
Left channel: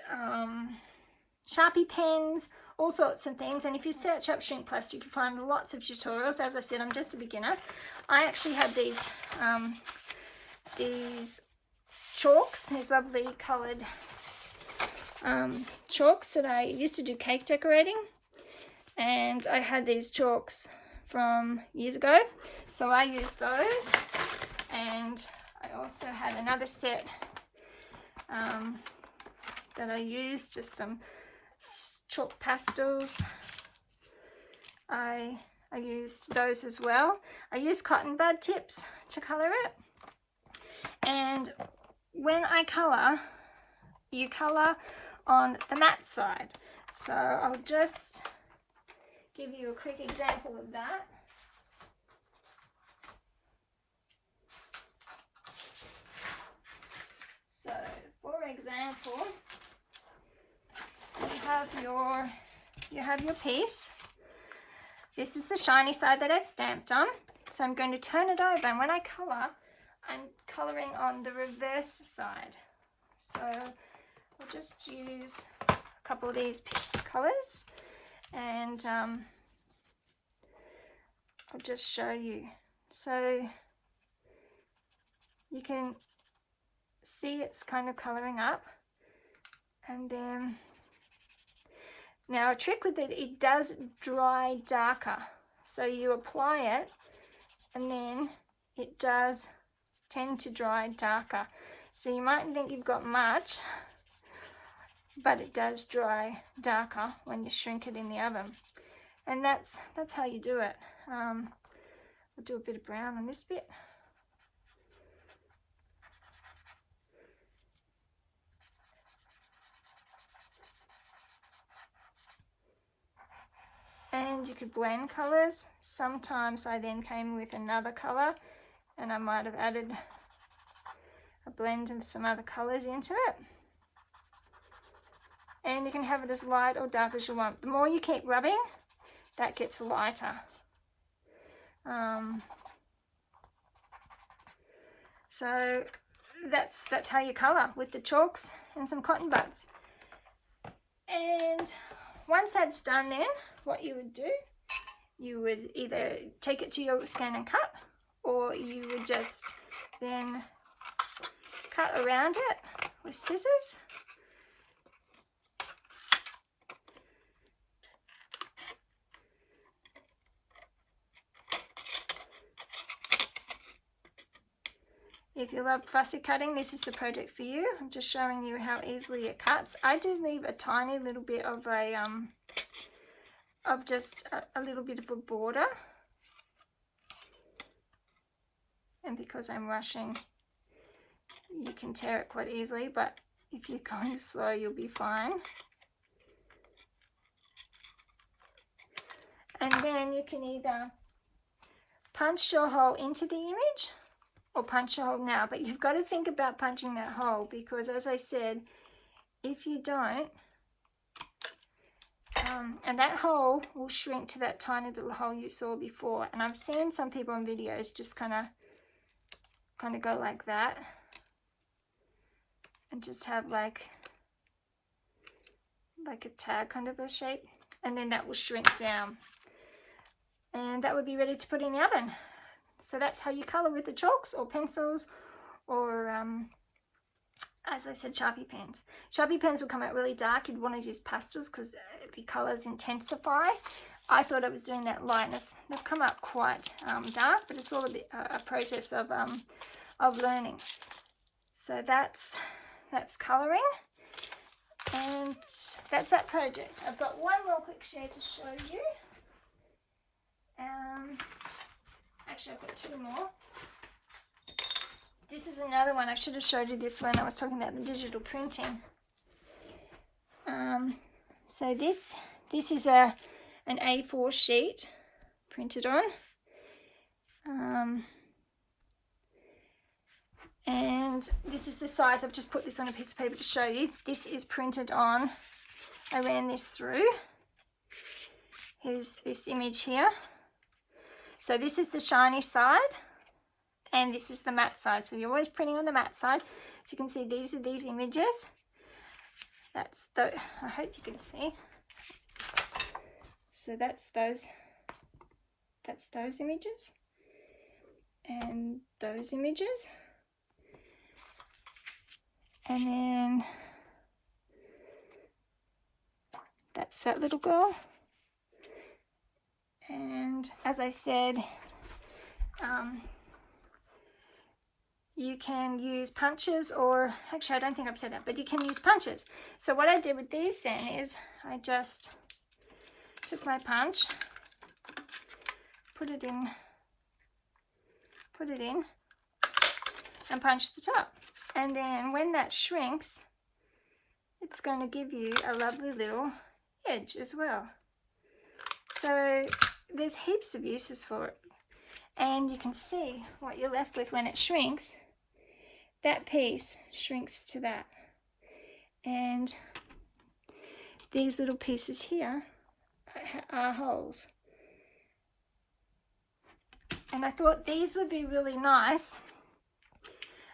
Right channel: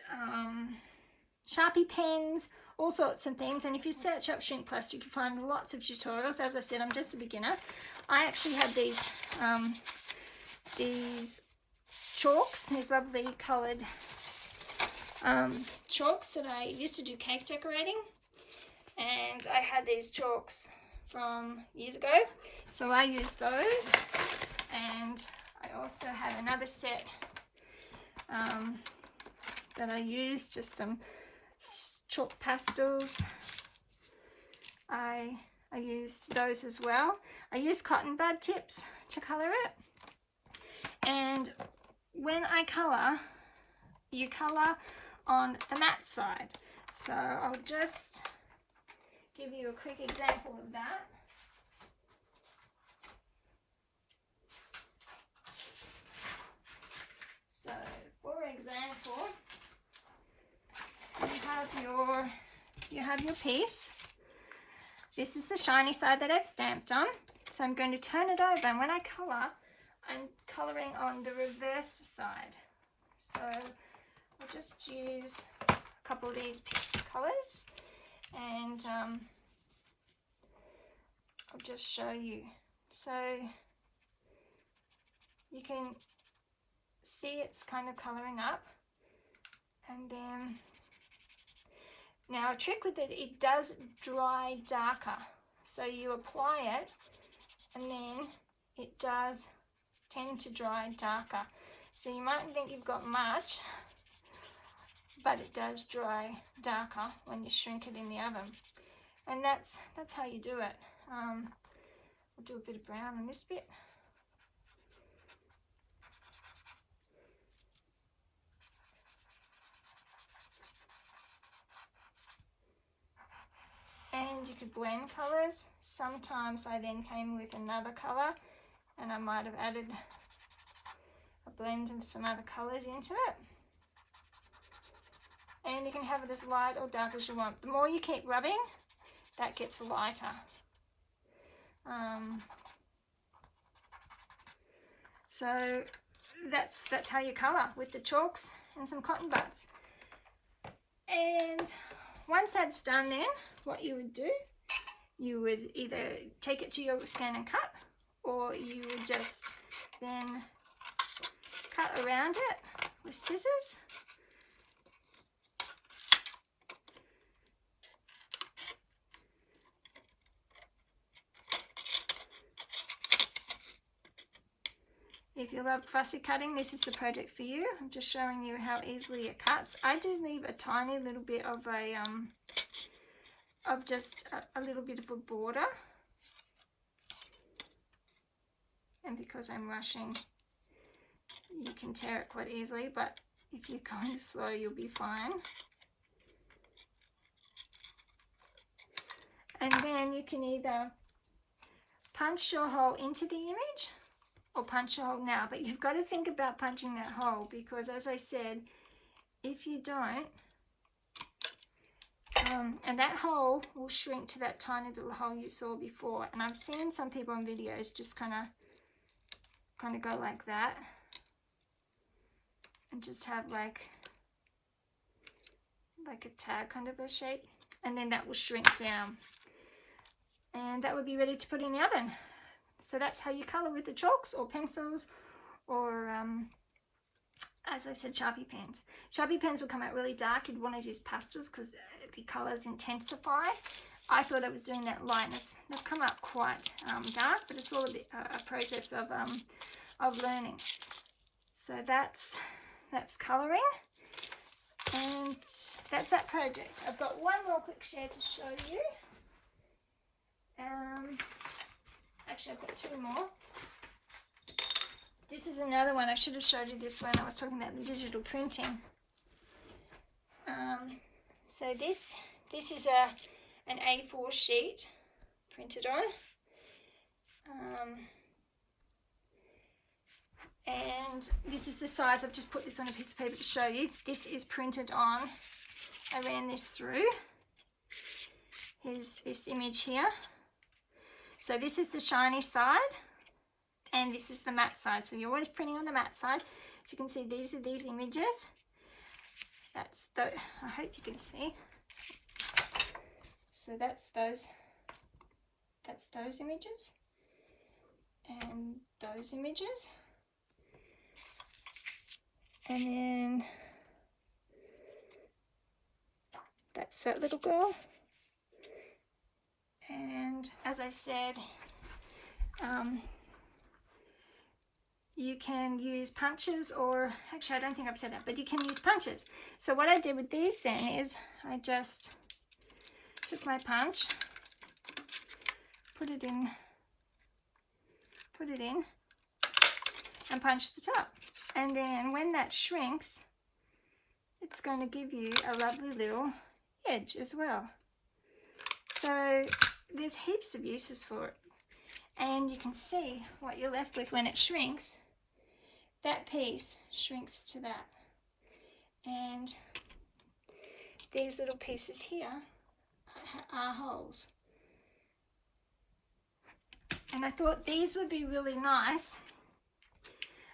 Sharpie pens, all sorts of things. And if you search up shrink plastic, you find lots of tutorials. As I said, I'm just a beginner. I actually had these chalks, these lovely coloured chalks that I used to do cake decorating, and I had these chalks from years ago, so I used those. And I also had another set that I used, just some chalk pastels. I used those as well. I used cotton bud tips to colour it. And when I colour, you colour on the matte side. So I'll just give you a quick example of that. So for example, you have your piece. This is the shiny side that I've stamped on. So I'm going to turn it over, and when I colour, I'm colouring on the reverse side. So I'll just use a couple of these colours, and I'll just show you. So you can see it's kind of colouring up, and then now a trick with it, it does dry darker. So you apply it, and then it does tend to dry darker. So you mightn't think you've got much, but it does dry darker when you shrink it in the oven. And that's how you do it. I'll do a bit of brown on this bit. And you could blend colours. Sometimes I then came with another colour, and I might have added a blend of some other colours into it. And you can have it as light or dark as you want. The more you keep rubbing, that gets lighter. So that's how you colour, with the chalks and some cotton buds. And once that's done, then what you would do, you would either take it to your scan and cut, or you would just then cut around it with scissors. If you love fussy cutting, this is the project for you. I'm just showing you how easily it cuts. I do leave a tiny little bit of just a little bit of a border, and because I'm rushing, you can tear it quite easily, but if you're going slow, you'll be fine. And then you can either punch your hole into the image or punch a hole now, but you've got to think about punching that hole, because as I said, if you don't, and that hole will shrink to that tiny little hole you saw before. And I've seen some people in videos just kind of go like that, and just have like a tag kind of a shape, and then that will shrink down. and that would be ready to put in the oven. So that's how you colour with the chalks or pencils, or as I said, Sharpie pens. Sharpie pens would come out really dark. You'd want to use pastels because the colours intensify. I thought I was doing that lightness. They've come out quite dark, but it's all a process of learning. So that's colouring, and that's that project. I've got one more quick share to show you. Actually, I've got two more. This is another one. I should have showed you this when I was talking about the digital printing. So this is an A4 sheet printed on. And this is the size. I've just put this on a piece of paper to show you. This is printed on. I ran this through. Here's this image here. So this is the shiny side, and this is the matte side. So you're always printing on the matte side. So you can see these are these images. That's the, I hope you can see. So that's those images, and those images. And then that's that little girl. And as I said, you can use punches, or actually I don't think I've said that, but you can use punches. So what I did with these then is I just took my punch, put it in, and punched the top. And then when that shrinks, it's going to give you a lovely little edge as well. So there's heaps of uses for it. And you can see what you're left with when it shrinks. That piece shrinks to that. And these little pieces here are holes. And I thought these would be really nice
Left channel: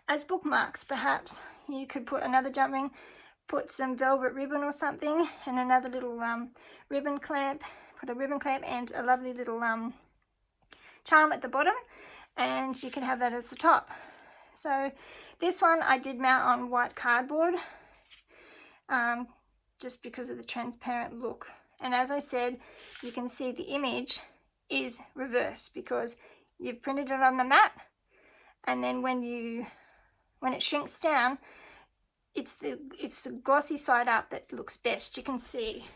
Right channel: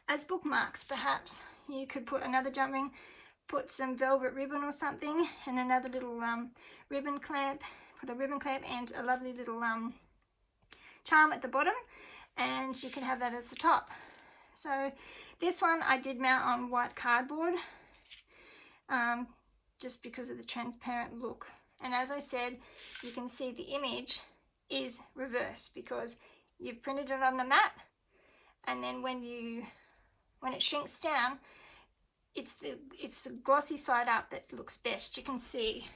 as bookmarks. Perhaps you could put another jump ring, put some velvet ribbon or something, and another little ribbon clamp. Put a ribbon clamp and a lovely little charm at the bottom, and you can have that as the top. So this one I did mount on white cardboard, just because of the transparent look. And as I said, you can see the image is reversed because you've printed it on the mat, and then when it shrinks down, it's the glossy side up that looks best. You can see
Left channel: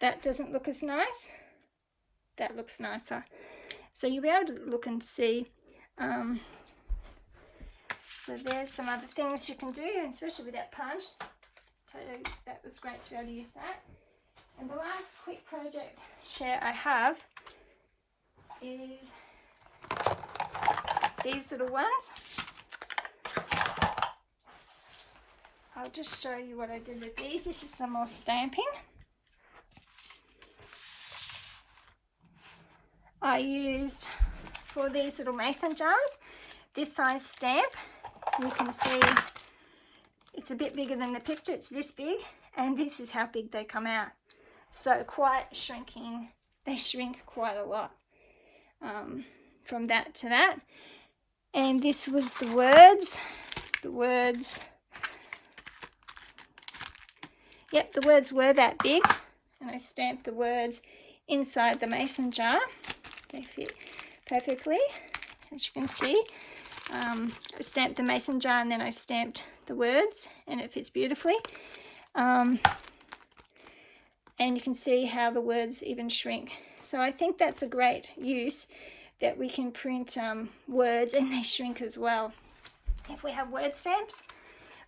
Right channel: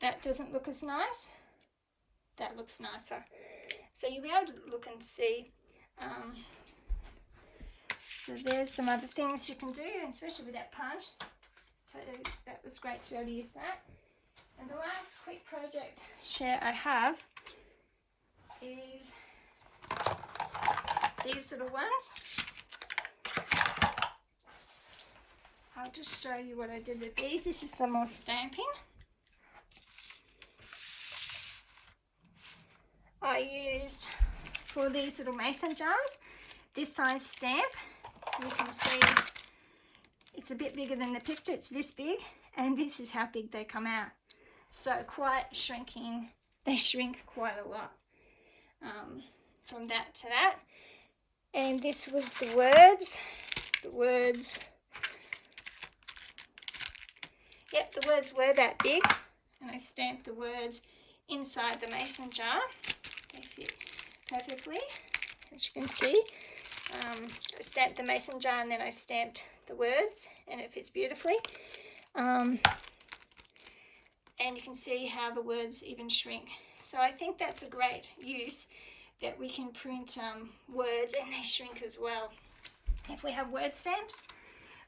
that doesn't look as nice. That looks nicer. So you'll be able to look and see. So there's some other things you can do, especially with that punch. Totally, that was great to be able to use that. And the last quick project share I have is these little ones. I'll just show you what I did with these. This is some more stamping. I used, for these little mason jars, this size stamp. You can see it's a bit bigger than the picture. It's this big, and this is how big they come out. So quite shrinking. They shrink quite a lot from that to that. And this was the words. Yep, the words were that big, and I stamped the words inside the mason jar. They fit perfectly, as you can see. I stamped the mason jar and then I stamped the words, and it fits beautifully. And you can see how the words even shrink. So I think that's a great use, that we can print words and they shrink as well. If we have word stamps,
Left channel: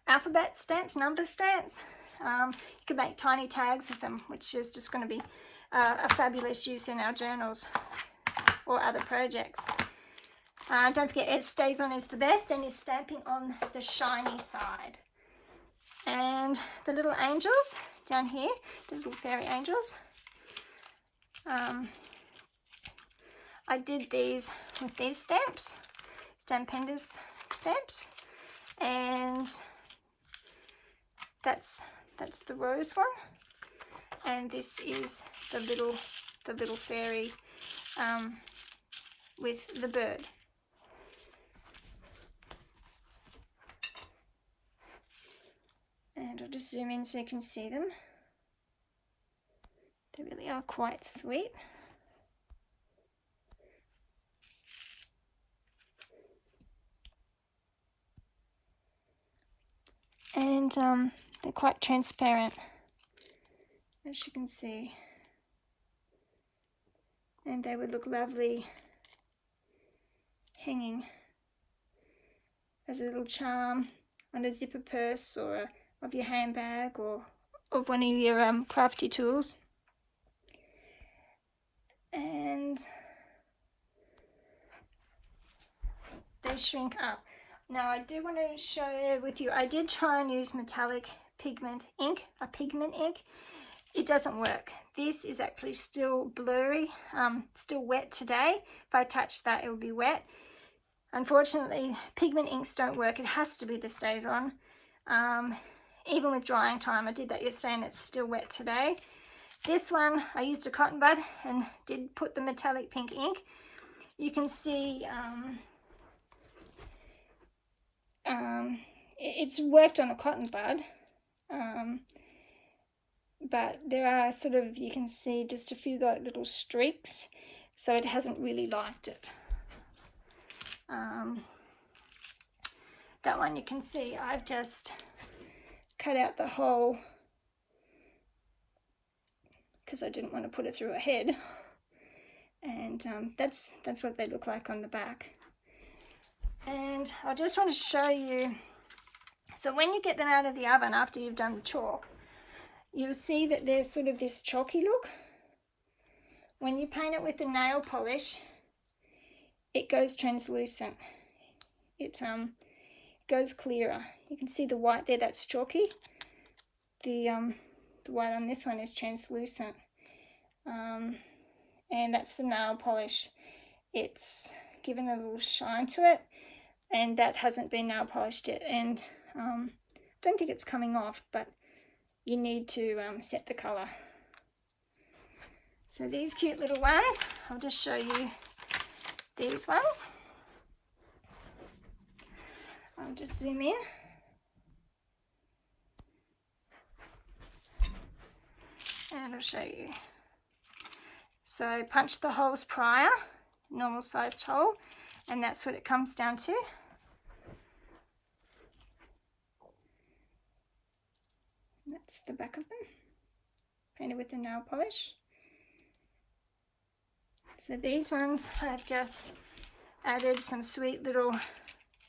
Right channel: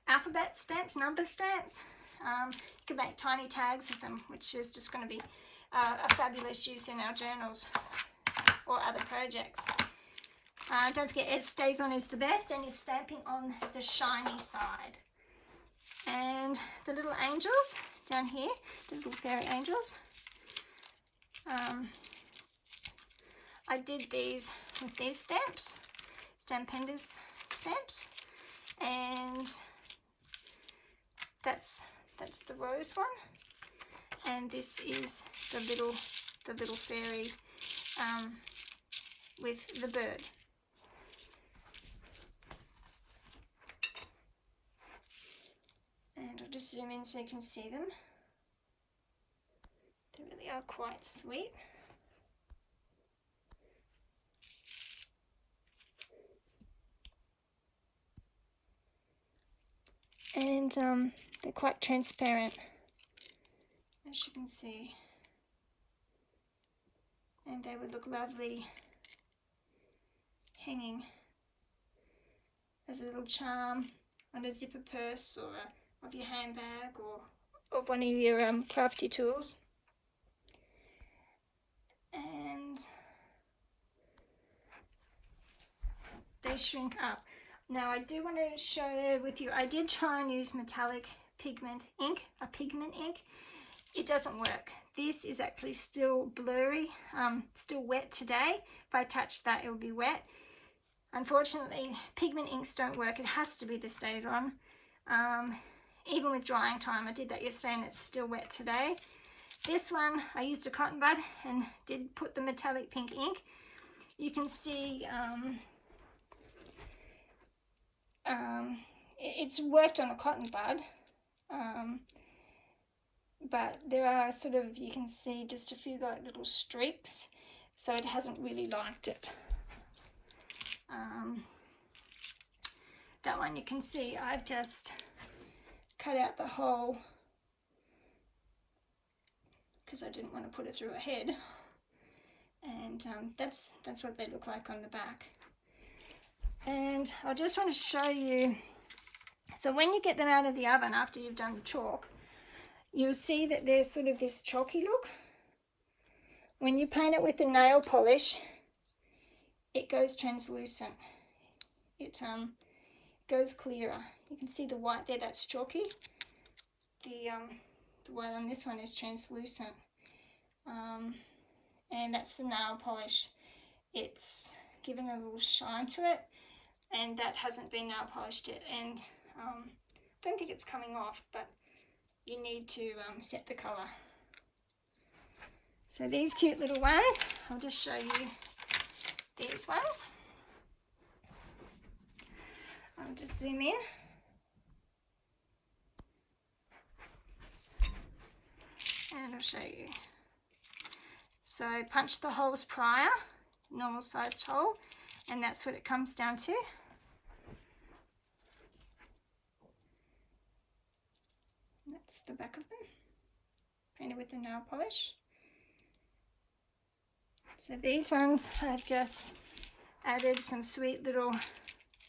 alphabet stamps, number stamps, you can make tiny tags of them, which is just going to be a fabulous use in our journals or other projects. Don't forget, it stays on is the best, and is stamping on the shiny side. And the little angels down here, the little fairy angels, I did these with these stamps, pendants stamps, and that's the rose one, and this is the little fairy with the bird. And I'll just zoom in so you can see them. They really are quite sweet. And they're quite transparent, as you can see. And they would look lovely hanging as a little charm on a zipper purse or of your handbag or of one of your crafty tools. And they shrink up. Now I do want to share with you, I did try and use metallic pigment ink, a pigment ink. It doesn't work. This is actually still blurry, still wet today. If I touch that, it will be wet. Unfortunately, pigment inks don't work. It has to be the StazOn. Even with drying time, I did that yesterday and it's still wet today. This one, I used a cotton bud and did put the metallic pink ink. You can see it's worked on a cotton bud, but there are sort of, you can see just a few like little streaks, so it hasn't really liked it. That one you can see I've just cut out the hole because I didn't want to put it through a head, and that's what they look like on the back. And I just want to show you, so when you get them out of the oven after you've done the chalk, you'll see that there's sort of this chalky look. When you paint it with the nail polish, it goes translucent. It goes clearer. You can see the white there, that's chalky. The white on this one is translucent. And that's the nail polish. It's given a little shine to it, and that hasn't been nail polished yet. And I don't think it's coming off, but you need to set the colour. So these cute little ones, I'll just show you these ones. I'll just zoom in. And I'll show you. So punch the holes prior, normal sized hole, and that's what it comes down to. That's the back of them, painted with the nail polish. So these ones I've just added some sweet little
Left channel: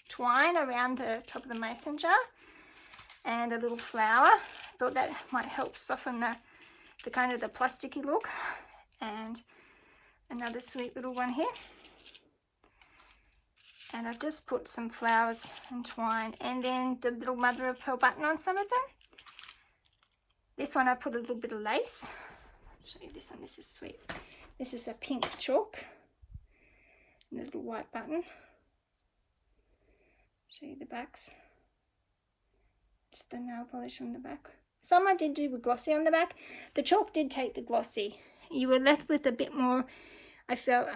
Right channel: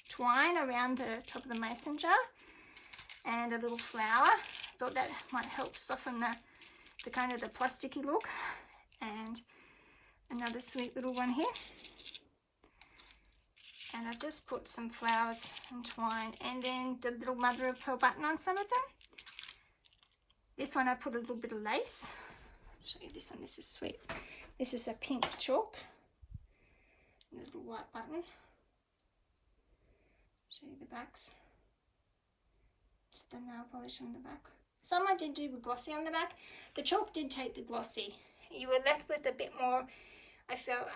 twine around the top of the mason jar and a little flower. Thought that might help soften the kind of the plasticky look. And another sweet little one here. And I've just put some flowers and twine, and then the little mother of pearl button on some of them. This one I put a little bit of lace. I'll show you this one, this is sweet. This is a pink chalk and a little white button. Show you the backs. It's the nail polish on the back. Some I did do with glossy on the back. The chalk did take the glossy. You were left with a bit more, I felt,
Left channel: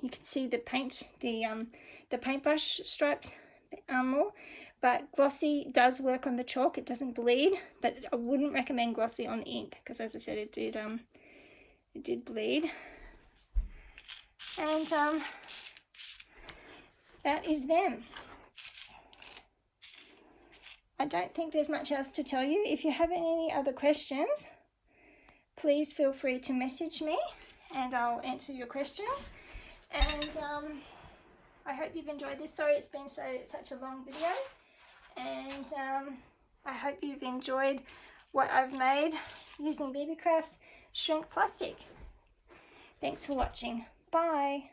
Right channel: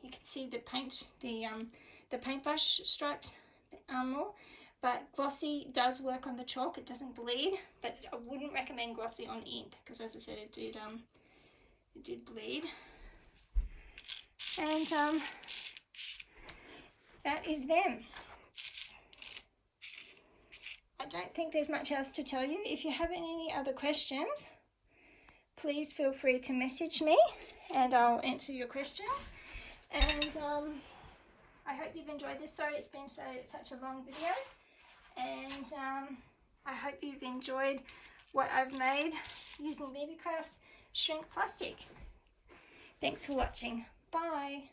you can see the paint, the paintbrush stripes more, but glossy does work on the chalk. It doesn't bleed, but I wouldn't recommend glossy on the ink because, as I said, it did bleed. And that is them. I don't think there's much else to tell you. If you have any other questions, please feel free to message me and I'll answer your questions. And I hope you've enjoyed this. Sorry it's been such a long video. And I hope you've enjoyed what I've made using Beebeecraft's shrink plastic. Thanks for watching. Bye.